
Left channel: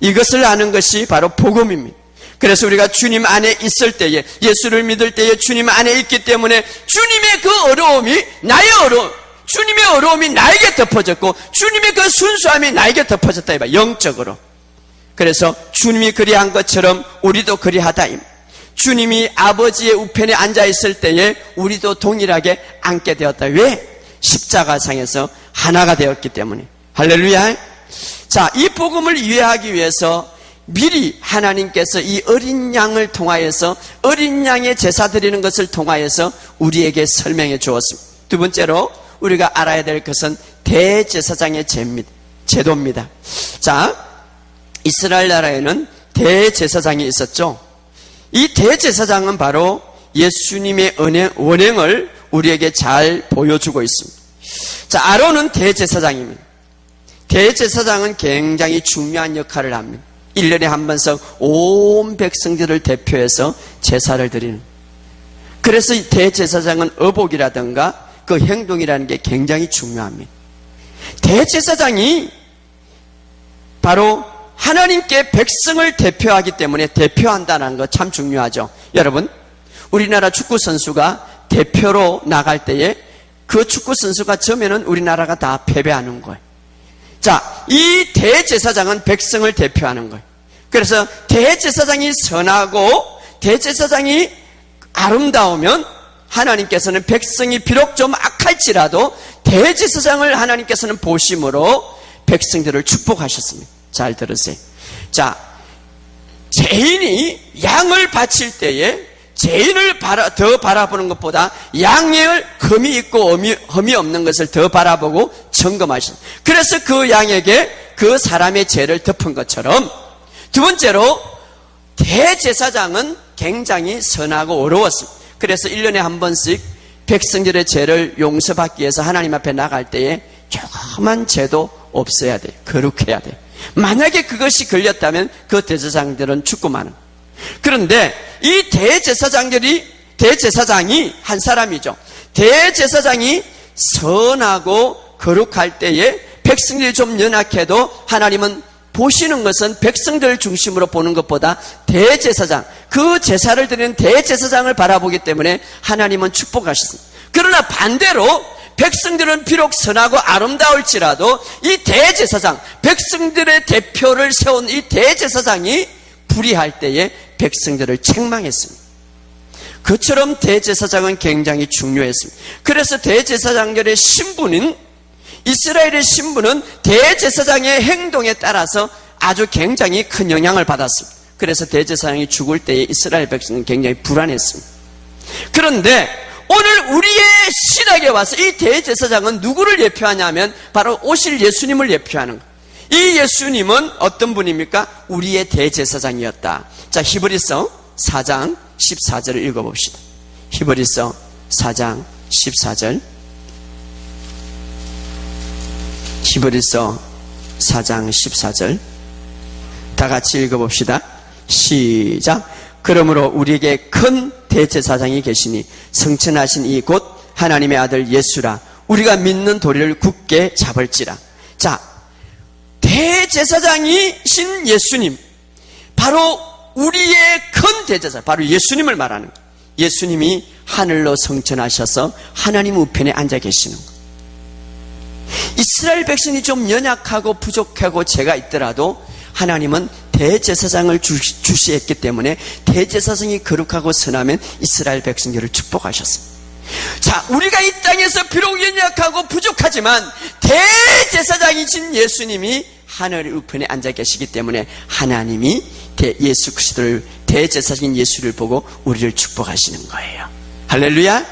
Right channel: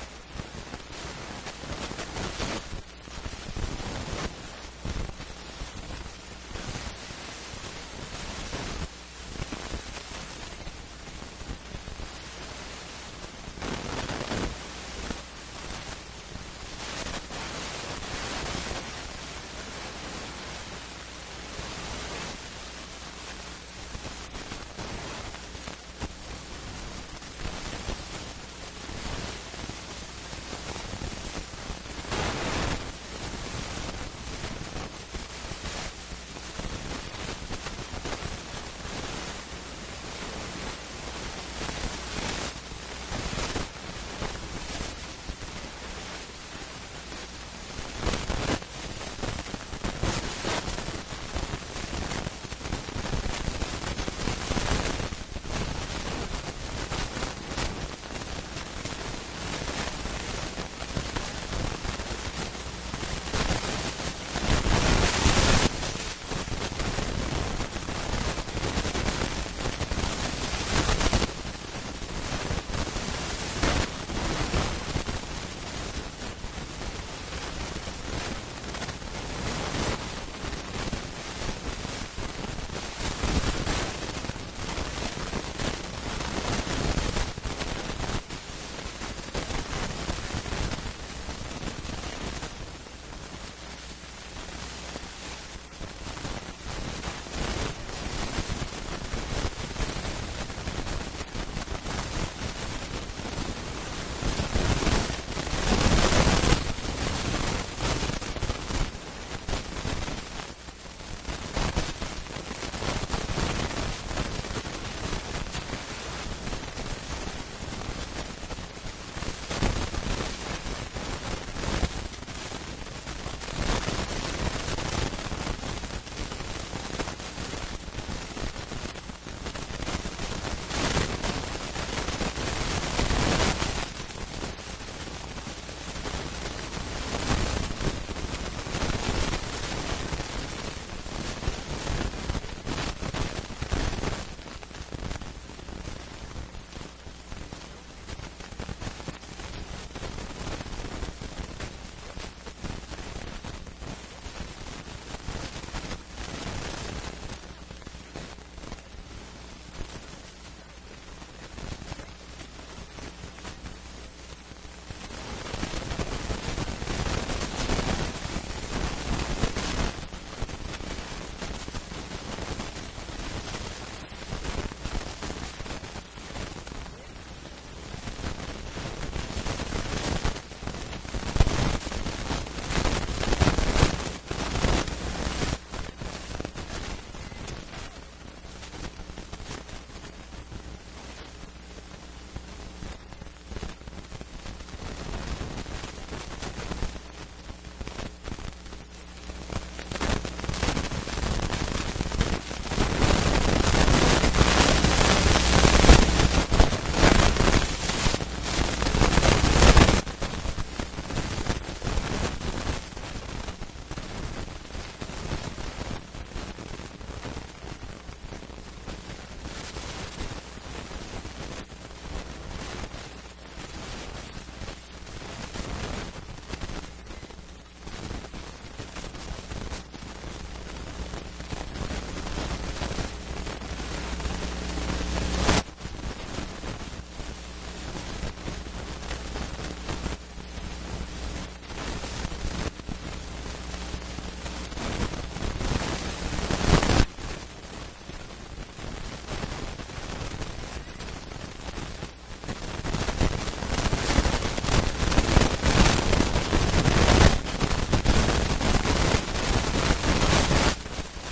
이것을 아는 것이 바로 복음입니다. 그래서 우리가 주님 안에 있을 때에, 예수를 믿을 때에 주님 안에 있기 때문에 주님의 그 어려움이 나의 어려움, 주님의 어려움이 나에게 덮어졌고 주님의 그 순수함이 나에게 덮어졌다 이 말이에요. 영적으로. 그래서 주님이 그리한 것처럼 우리도 그리하다. 주님이 아버지의 우편에 앉아있을 때에 우리도 동일하게 앉게 되었다. 왜? 십자가상에서 하나가 되었기 때문에. 할렐루야. 자, 이 복음을 이해하기 위해서 미리 하나님께서 이 어린 양을 통하여서, 어린 양의 제사 드리는 것을 통하여서 우리에게 설명해 주었습니다. 두 번째로 우리가 알아야 될 것은 대제사장의 제도입니다. 자, 이스라엘 나라에는 대제사장이 있었죠. 이 대제사장은 바로 예수님의 원행을 우리에게 잘 보여주고 있습니다. 자, 아론은 대제사장입니다. 대제사장은 굉장히 중요한 역할을 합니다. 1년에 한 번씩 온 백성들을 대표해서 제사를 드립니다. 그래서 이 대제사장은 어복이라든가 그 행동이라는 게 굉장히 중요합니다. 대제사장이 바로 하나님께 백성을 대표하기 때문에 대표한다는 거 참 중요하죠. 여러분, 우리나라 축구 선수가 대표로 나갈 때에 그 축구 선수가 져면은 우리나라가 다 패배하는 거예요. 자, 이 대제사장은 백성을 대표하는 거예요. 그래서 대제사장이 선하고 대제사장이 아름다우면 하나님께서는 백성이 비록 좀 악할지라도 대제사장을 하나님께서는 보심으로 백성들을 축복하셨습니다. 잘 들으세요. 자, 죄인이 양을 바칠 때에 죄인을 더 바라보는 것보다 양을 흠이 있고 흠이 없는 것을 더 바라보고 점검하십니다. 그래서 그 양에게 그 사람의 죄를 덮은 것처럼, 두 번째로 대제사장은 굉장히 선하고 어려웠습니다. 그래서 1년에 한 번씩 백성들의 죄를 용서받기 위해서 하나님 앞에 나갈 때에 조그만 죄도 없어야 돼요. 거룩해야 돼요. 만약에 그것이 걸렸다면 그 대제사장들은 죽고만 해요. 그런데 이 대제사장이 한 사람이죠. 대제사장이 선하고 거룩할 때에 백성들이 좀 연약해도 하나님은 보시는 것은 백성들 중심으로 보는 것보다 대제사장, 그 제사를 드리는 대제사장을 바라보기 때문에 하나님은 축복하셨습니다. 그러나 반대로 백성들은 비록 선하고 아름다울지라도 이 대제사장, 백성들의 대표를 세운 이 대제사장이 불의할 때에 백성들을 책망했습니다. 그처럼 대제사장은 굉장히 중요했습니다. 그래서 대제사장들의 신분인, 이스라엘의 신분은 대제사장의 행동에 따라서 아주 굉장히 큰 영향을 받았습니다. 그래서 대제사장이 죽을 때에 이스라엘 백성은 굉장히 불안했습니다. 그런데 오늘 우리의 신학에 와서 이 대제사장은 누구를 예표하냐면 바로 오실 예수님을 예표하는 거예요. 이 예수님은 어떤 분입니까? 우리의 대제사장이었다. 자, 히브리서 4장 14절을 읽어봅시다. 히브리서 4장 14절, 히브리서 4장 14절 다 같이 읽어봅시다. 시작. 그러므로 우리에게 큰 대제사장이 계시니 성천하신 이 곧 하나님의 아들 예수라. 우리가 믿는 도리를 굳게 잡을지라. 자, 대제사장이신 예수님, 바로 우리의 큰 대제사장, 바로 예수님을 말하는, 예수님이 하늘로 성천하셔서 하나님 우편에 앉아 계십니다. 이스라엘 백성이 좀 연약하고 부족하고 죄가 있더라도 하나님은 대제사장을 주시했기 때문에 대제사장이 거룩하고 선하면 이스라엘 백성들을 축복하셨어요. 자, 우리가 이 땅에서 비록 연약하고 부족하지만 대제사장이신 예수님이 하늘 우편에 앉아 계시기 때문에 하나님이 예수 그리스도를, 대제사장인 예수를 보고 우리를 축복하시는 거예요. 할렐루야.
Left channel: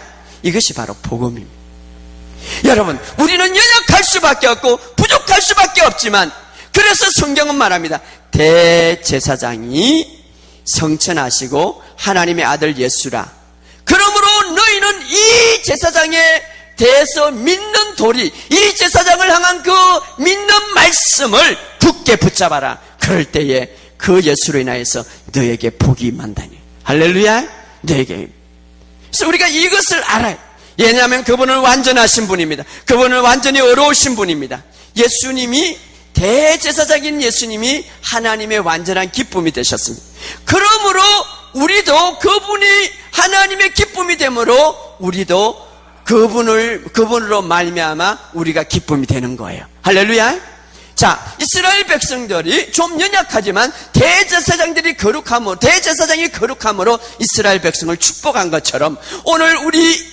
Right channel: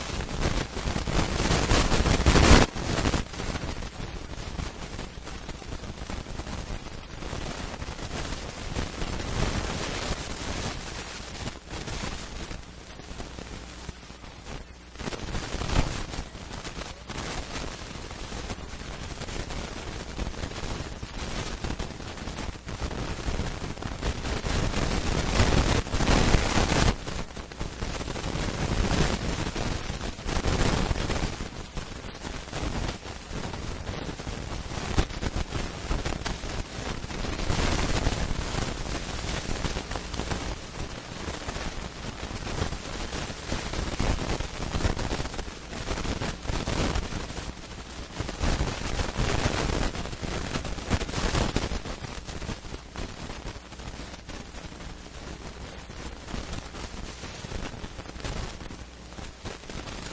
이것이 바로 복음입니다. 여러분, 우리는 연약할 수밖에 없고 부족할 수밖에 없지만, 그래서 성경은 말합니다. 대제사장이 성천하시고 하나님의 아들 예수라. 그러므로 너희는 이 제사장에 대해서 믿는 도리, 이 제사장을 향한 그 믿는 말씀을 굳게 붙잡아라. 그럴 때에 그 예수로 인하여서 너에게 복이 있는다. 할렐루야. 너에게. 그래서 우리가 이것을 알아요. 왜냐하면 그분은 완전하신 분입니다. 그분은 완전히 어려우신 분입니다. 예수님이, 대제사장인 예수님이 하나님의 완전한 기쁨이 되셨습니다. 그러므로 우리도 그분이 하나님의 기쁨이 되므로 우리도 그분으로 말미암아 우리가 기쁨이 되는 거예요. 할렐루야. 자, 이스라엘 백성들이 좀 연약하지만 대제사장이 거룩함으로 이스라엘 백성을 축복한 것처럼 오늘 우리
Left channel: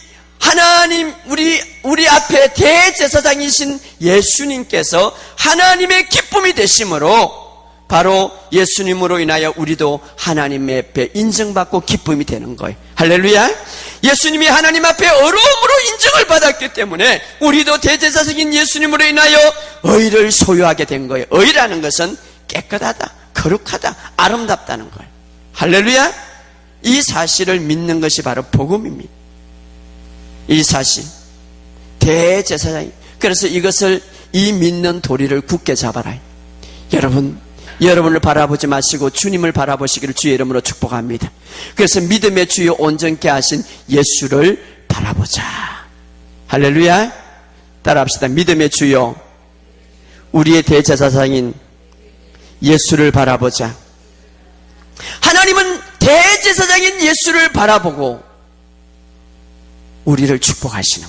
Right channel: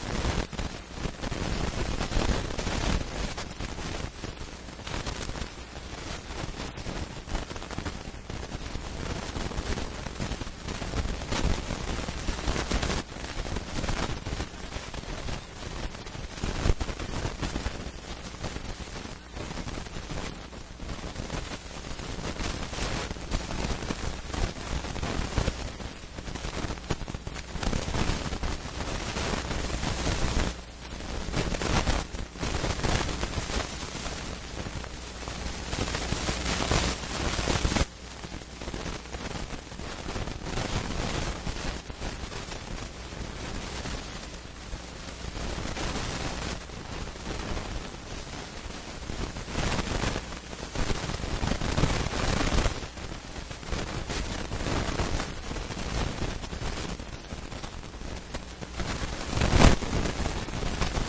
앞에 대제사장이신 예수님께서 하나님의 기쁨이 되심으로 바로 예수님으로 인하여 우리도 하나님 앞에 인정받고 기쁨이 되는 거예요. 할렐루야. 예수님이 하나님 앞에 어려움으로 인정을 받았기 때문에 우리도 대제사장인 예수님으로 인하여 의를 소유하게 된 거예요. 의라는 것은 깨끗하다, 거룩하다, 아름답다는 거예요. 할렐루야. 이 사실을 믿는 것이 바로 복음입니다. 이 사실, 대제사장. 그래서 이 믿는 도리를 굳게 잡아라. 여러분을 바라보지 마시고 주님을 바라보시기를 주의 이름으로 축복합니다. 그래서 믿음의 주요 온전케 하신 예수를 바라보자. 할렐루야. 따라합시다. 믿음의 주요, 우리의 대제사장인 예수를 바라보자. 하나님은 대제사장인 예수를 바라보고 우리를 축복하시는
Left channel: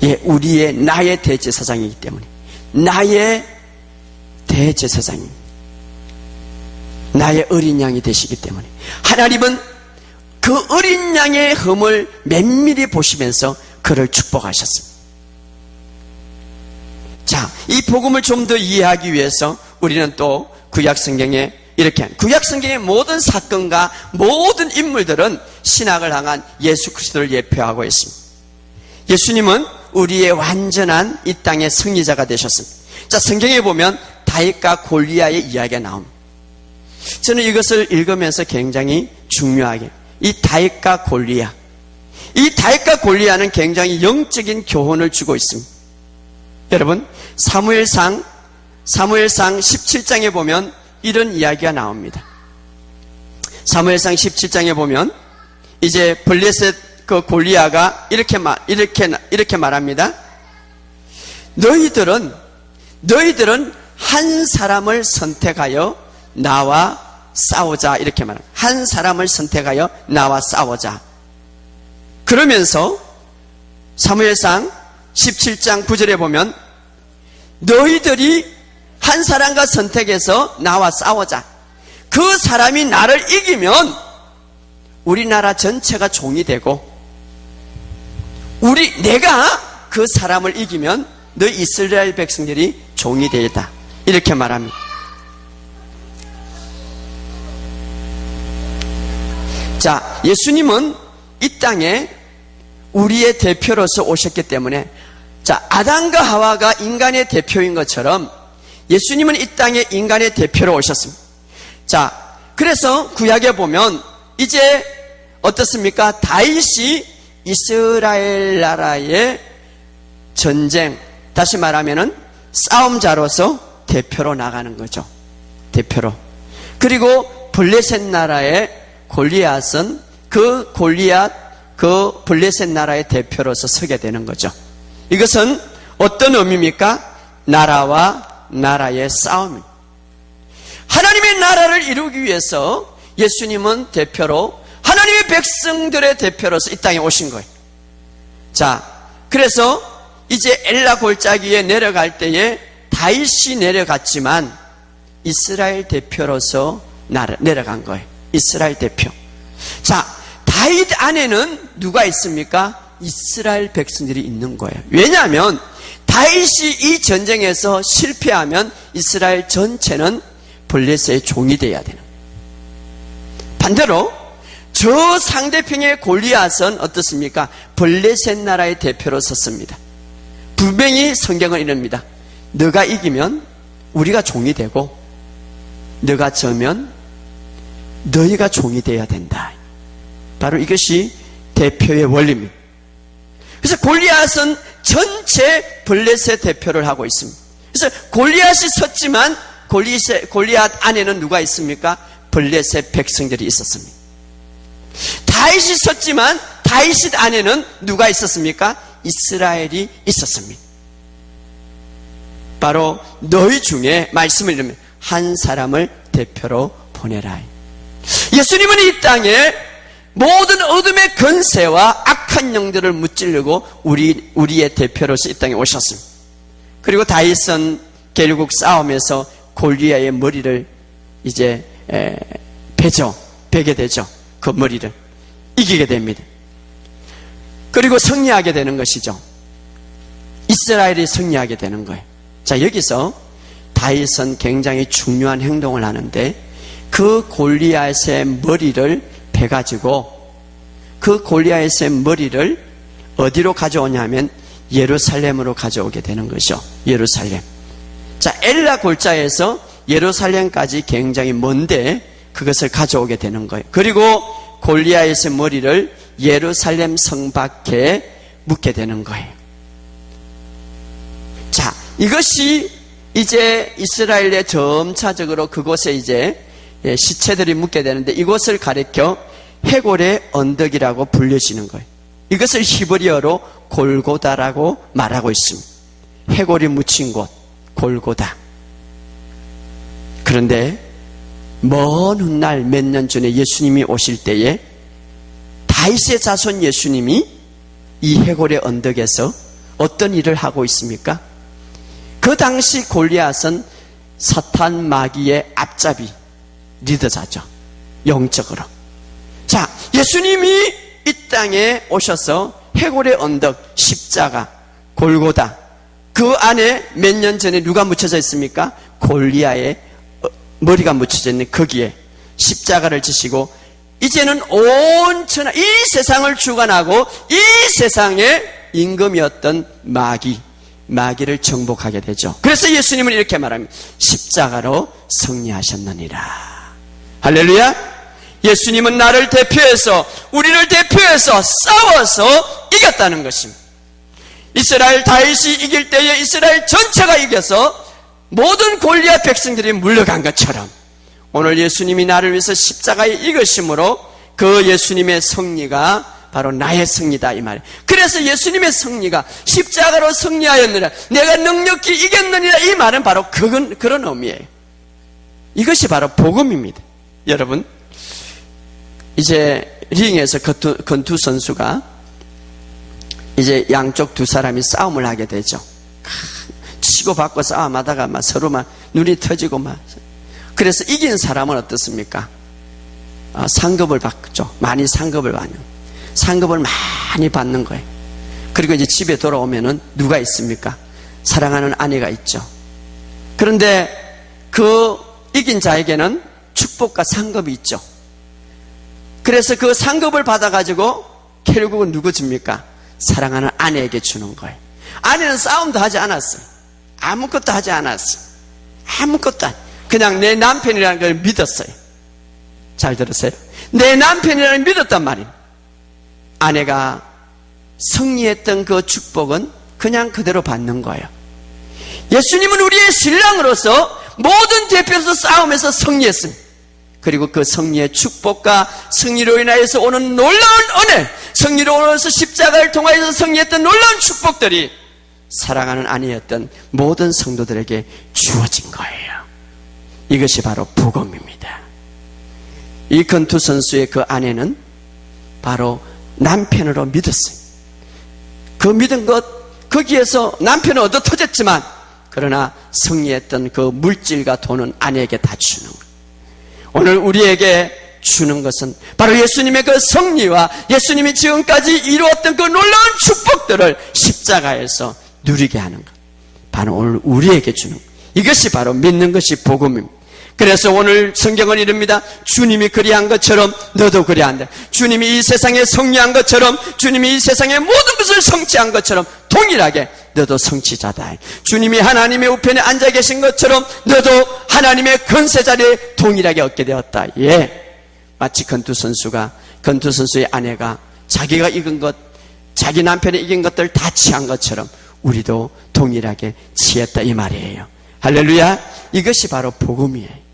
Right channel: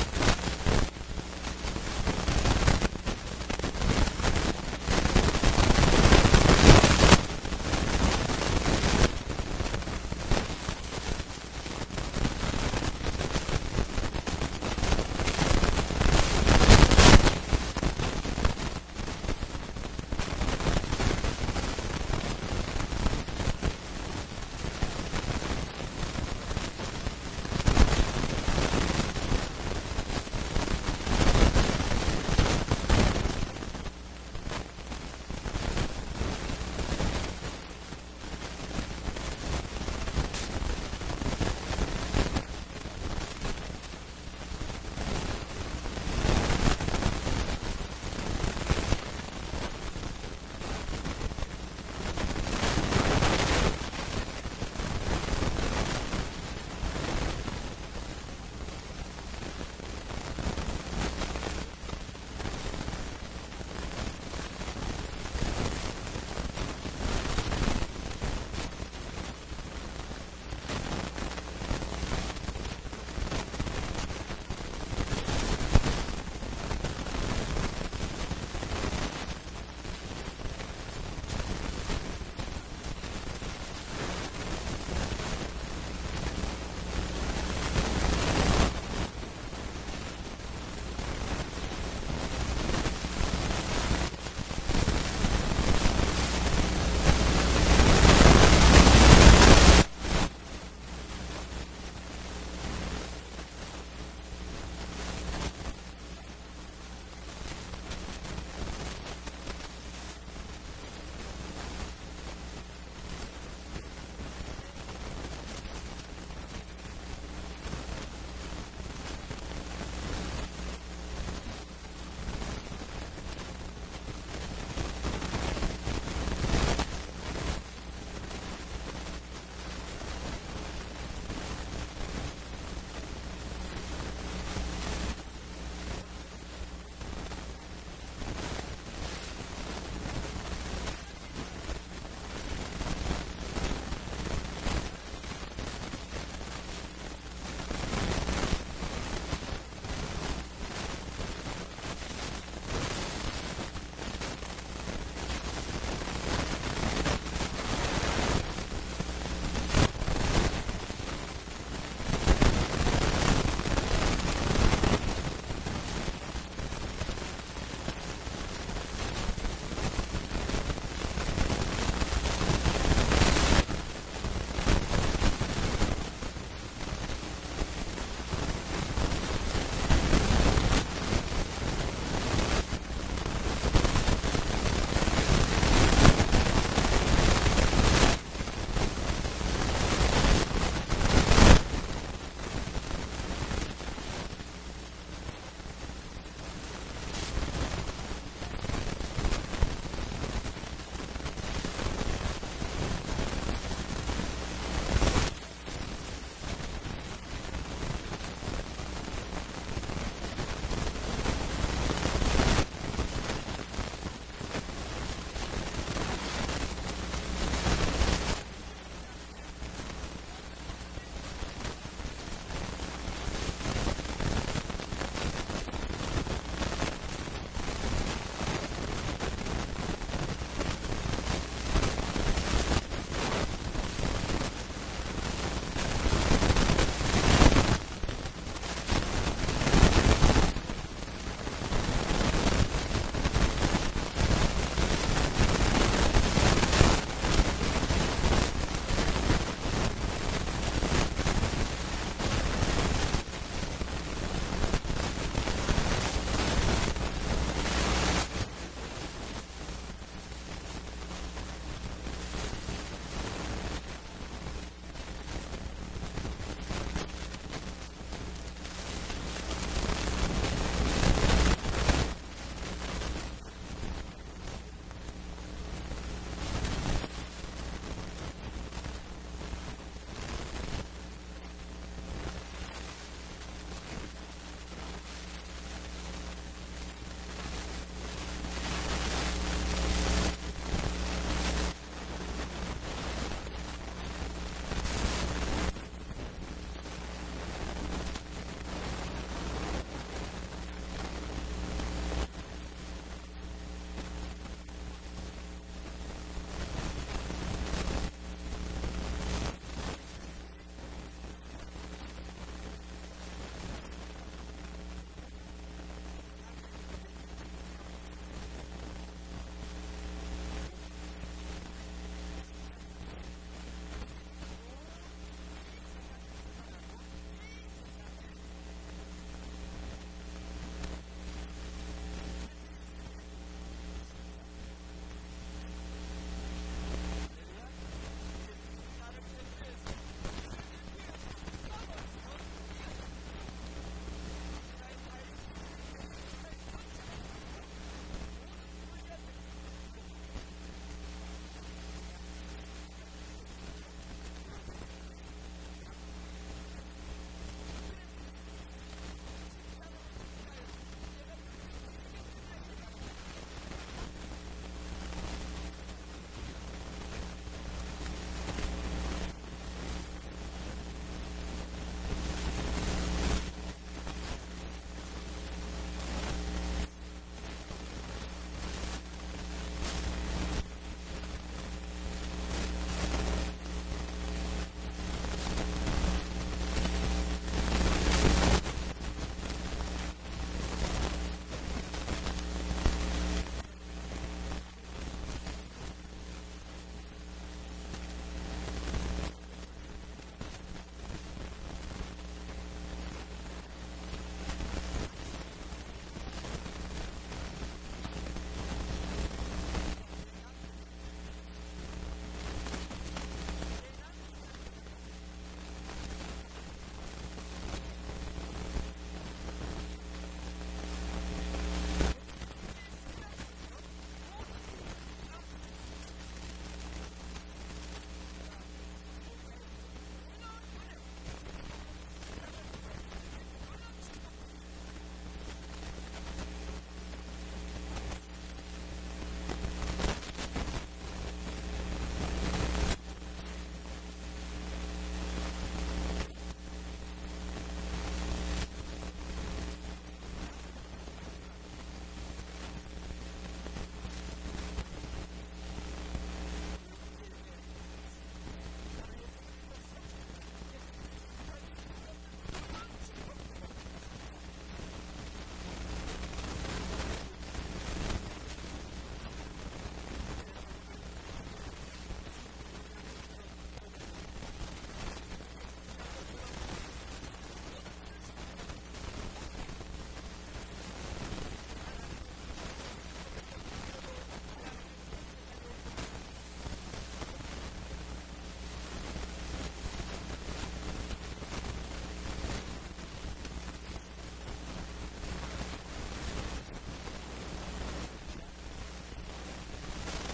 거예요. 예, 나의 대제사장이기 때문에, 나의 대제사장입니다. 나의 어린 양이 되시기 때문에 하나님은 그 어린 양의 흠을 면밀히 보시면서 그를 축복하셨습니다. 자, 이 복음을 좀 더 이해하기 위해서 우리는 또 구약성경에 구약성경의 모든 사건과 모든 인물들은 신학을 향한 예수 그리스도를 예표하고 있습니다. 예수님은 우리의 완전한 이 땅의 승리자가 되셨습니다. 자, 성경에 보면 다윗과 골리앗의 이야기가 나옵니다. 저는 이것을 읽으면서 굉장히 중요하게, 이 다윗과 골리앗은 굉장히 영적인 교훈을 주고 있습니다. 여러분, 사무엘상 17장에 보면 이런 이야기가 나옵니다. 사무엘상 17장에 보면 이제 블레셋 그 골리앗가 이렇게 말합니다. 너희들은 한 사람을 선택하여 나와 싸우자. 이렇게 말합니다. 한 사람을 선택하여 나와 싸우자. 그러면서 사무엘상 17장 9절에 보면 너희들이 한 사람과 선택해서 나와 싸우자. 그 사람이 나를 이기면 우리나라 전체가 종이 되고, 내가 그 사람을 이기면 너 이스라엘 백성들이 종이 되다. 이렇게 말합니다. 자, 예수님은 이 땅에 우리의 대표로서 오셨기 때문에, 자, 아담과 하와가 인간의 대표인 것처럼 예수님은 이 땅에 인간의 대표로 오셨습니다. 자, 그래서 구약에 보면 이제 어떻습니까? 다윗이 이스라엘 나라의 전쟁, 다시 말하면은 싸움자로서 대표로 나가는 거죠. 대표로. 그리고 블레셋 나라의 골리앗은 그 블레셋 나라의 대표로서 서게 되는 거죠. 이것은 어떤 의미입니까? 나라와 나라의 싸움입니다. 하나님의 나라를 이루기 위해서 예수님은 대표로, 하나님의 백성들의 대표로서 이 땅에 오신 거예요. 자, 그래서 이제 엘라 골짜기에 내려갈 때에 다윗이 내려갔지만 이스라엘 대표로서 내려간 거예요. 이스라엘 대표. 자, 다윗 안에는 누가 있습니까? 이스라엘 백성들이 있는 거예요. 왜냐하면 다윗이 이 전쟁에서 실패하면 이스라엘 전체는 블레셋의 종이 되어야 돼요. 반대로 저 상대편의 골리앗은 어떻습니까? 블레셋 나라의 대표로 섰습니다. 분명히 성경은 이럽니다. 너가 이기면 우리가 종이 되고 너가 져면 너희가 종이 되어야 된다. 바로 이것이 대표의 원리입니다. 그래서 골리앗은 전체 블레셋 대표를 하고 있습니다. 그래서 골리앗이 섰지만 골리앗 안에는 누가 있습니까? 블레셋 백성들이 있었습니다. 다윗이 섰지만 다윗 안에는 누가 있었습니까? 이스라엘이 있었습니다. 바로 너희 중에 말씀을 읽으면 한 사람을 대표로 보내라. 예수님은 이 땅에 모든 어둠의 권세와 악한 영들을 무찌르고 우리의 대표로서 이 땅에 오셨습니다. 그리고 다윗은 결국 싸움에서 골리앗의 머리를 이제 베게 되죠. 그 머리를 이기게 됩니다. 그리고 승리하게 되는 것이죠. 이스라엘이 승리하게 되는 거예요. 자, 여기서 다윗은 굉장히 중요한 행동을 하는데 그 골리앗의 머리를 베가지고 그 골리앗의 머리를 어디로 가져오냐면 예루살렘으로 가져오게 되는 것이죠. 예루살렘. 자, 엘라 골짜에서 예루살렘까지 굉장히 먼데 그것을 가져오게 되는 거예요. 그리고 골리앗의 머리를 예루살렘 성 밖에 묻게 되는 거예요. 자, 이것이 이제 이스라엘의 점차적으로 그곳에 이제 시체들이 묻게 되는데 이곳을 가리켜 해골의 언덕이라고 불려지는 거예요. 이것을 히브리어로 골고다라고 말하고 있습니다. 해골이 묻힌 곳, 골고다. 그런데 먼 훗날 몇 년 전에 예수님이 오실 때에 다윗의 자손 예수님이 이 해골의 언덕에서 어떤 일을 하고 있습니까? 그 당시 골리앗은 사탄 마귀의 앞잡이 리더자죠. 영적으로. 자, 예수님이 이 땅에 오셔서 해골의 언덕, 십자가, 골고다, 그 안에 몇 년 전에 누가 묻혀져 있습니까? 골리앗의 머리가 묻혀져 있는 거기에 십자가를 지시고 이제는 온 천하 이 세상을 주관하고 이 세상의 임금이었던 마귀를 정복하게 되죠. 그래서 예수님은 이렇게 말합니다. 십자가로 승리하셨느니라. 할렐루야. 예수님은 나를 대표해서 우리를 대표해서 싸워서 이겼다는 것입니다. 이스라엘 다윗이 이길 때에 이스라엘 전체가 이겨서 모든 골리앗 백성들이 물러간 것처럼 오늘 예수님이 나를 위해서 십자가에 이기심으로 그 예수님의 승리가 바로 나의 승리다 이 말이에요. 그래서 예수님의 승리가 십자가로 승리하였느라 내가 능력히 이겼느니라 이 말은 바로 그런 의미예요. 이것이 바로 복음입니다. 여러분, 이제 링에서 권투 선수가 이제 양쪽 두 사람이 싸움을 하게 되죠. 치고받고 싸움하다가 막 서로 막 눈이 터지고 막. 그래서 이긴 사람은 어떻습니까? 상급을 받죠. 많이 상급을 받는. 상급을 많이 받는 거예요. 그리고 이제 집에 돌아오면은 누가 있습니까? 사랑하는 아내가 있죠. 그런데 그 이긴 자에게는 축복과 상급이 있죠. 그래서 그 상급을 받아가지고 결국은 누구 줍니까? 사랑하는 아내에게 주는 거예요. 아내는 싸움도 하지 않았어. 아무것도 하지 않았어. 아무것도 그냥 내 남편이라는 걸 믿었어요. 잘 들으세요. 내 남편이라는 걸 믿었단 말이에요. 아내가 승리했던 그 축복은 그냥 그대로 받는 거예요. 예수님은 우리의 신랑으로서 모든 대표로서 싸움에서 승리했습니다. 그리고 그 승리의 축복과 승리로 인하여서 오는 놀라운 은혜, 승리로 인하여서 십자가를 통하여서 승리했던 놀라운 축복들이 사랑하는 아내였던 모든 성도들에게 주어진 거예요. 이것이 바로 복음입니다. 이 건투 선수의 그 아내는 바로 남편으로 믿었어요. 그 믿은 것, 거기에서 남편은 얻어 터졌지만 그러나 승리했던 그 물질과 돈은 아내에게 다 주는 거예요. 오늘 우리에게 주는 것은 바로 예수님의 그 승리와 예수님이 지금까지 이루었던 그 놀라운 축복들을 십자가에서 누리게 하는 것. 바로 오늘 우리에게 주는 것. 이것이 바로 믿는 것이 복음입니다. 그래서 오늘 성경은 이릅니다. 주님이 그리한 것처럼 너도 그리한다. 주님이 이 세상에 승리한 것처럼, 주님이 이 세상의 모든 것을 성취한 것처럼 동일하게 너도 성취자다. 주님이 하나님의 우편에 앉아 계신 것처럼 너도 하나님의 권세 자리에 동일하게 얻게 되었다. 예, 마치 건투 선수의 아내가 자기가 이긴 것, 자기 남편이 이긴 것들 다 취한 것처럼 우리도 동일하게 취했다 이 말이에요. 할렐루야. 이것이 바로 복음이에요.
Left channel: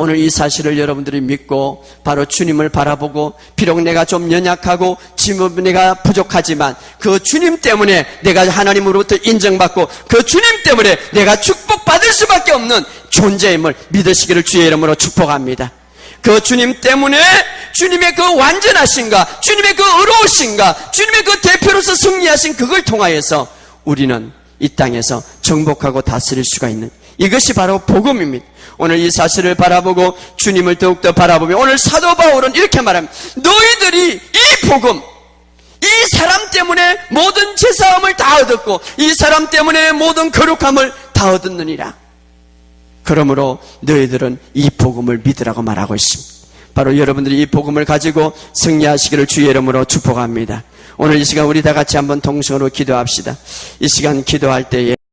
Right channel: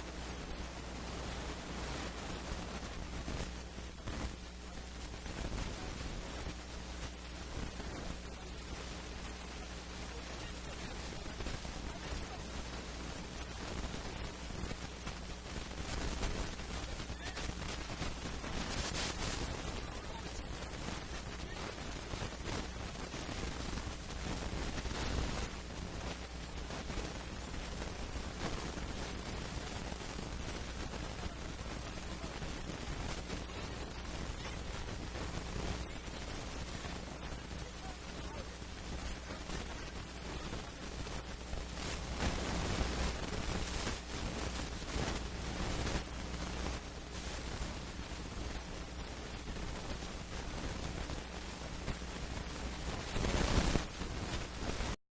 오늘 이 사실을 여러분들이 믿고 바로 주님을 바라보고, 비록 내가 좀 연약하고 지금 내가 부족하지만 그 주님 때문에 내가 하나님으로부터 인정받고 그 주님 때문에 내가 축복받을 수밖에 없는 존재임을 믿으시기를 주의 이름으로 축복합니다. 그 주님 때문에, 주님의 그 완전하신가, 주님의 그 의로우신가, 주님의 그 대표로서 승리하신 그걸 통하여서 우리는 이 땅에서 정복하고 다스릴 수가 있는, 이것이 바로 복음입니다. 오늘 이 사실을 바라보고 주님을 더욱더 바라보며 오늘 사도 바울은 이렇게 말합니다. 너희들이 이 복음, 이 사람 때문에 모든 제사함을 다 얻었고 이 사람 때문에 모든 거룩함을 다 얻었느니라. 그러므로 너희들은 이 복음을 믿으라고 말하고 있습니다. 바로 여러분들이 이 복음을 가지고 승리하시기를 주의 이름으로 축복합니다. 오늘 이 시간 우리 다 같이 한번 동성으로 기도합시다. 이 시간 기도할 때에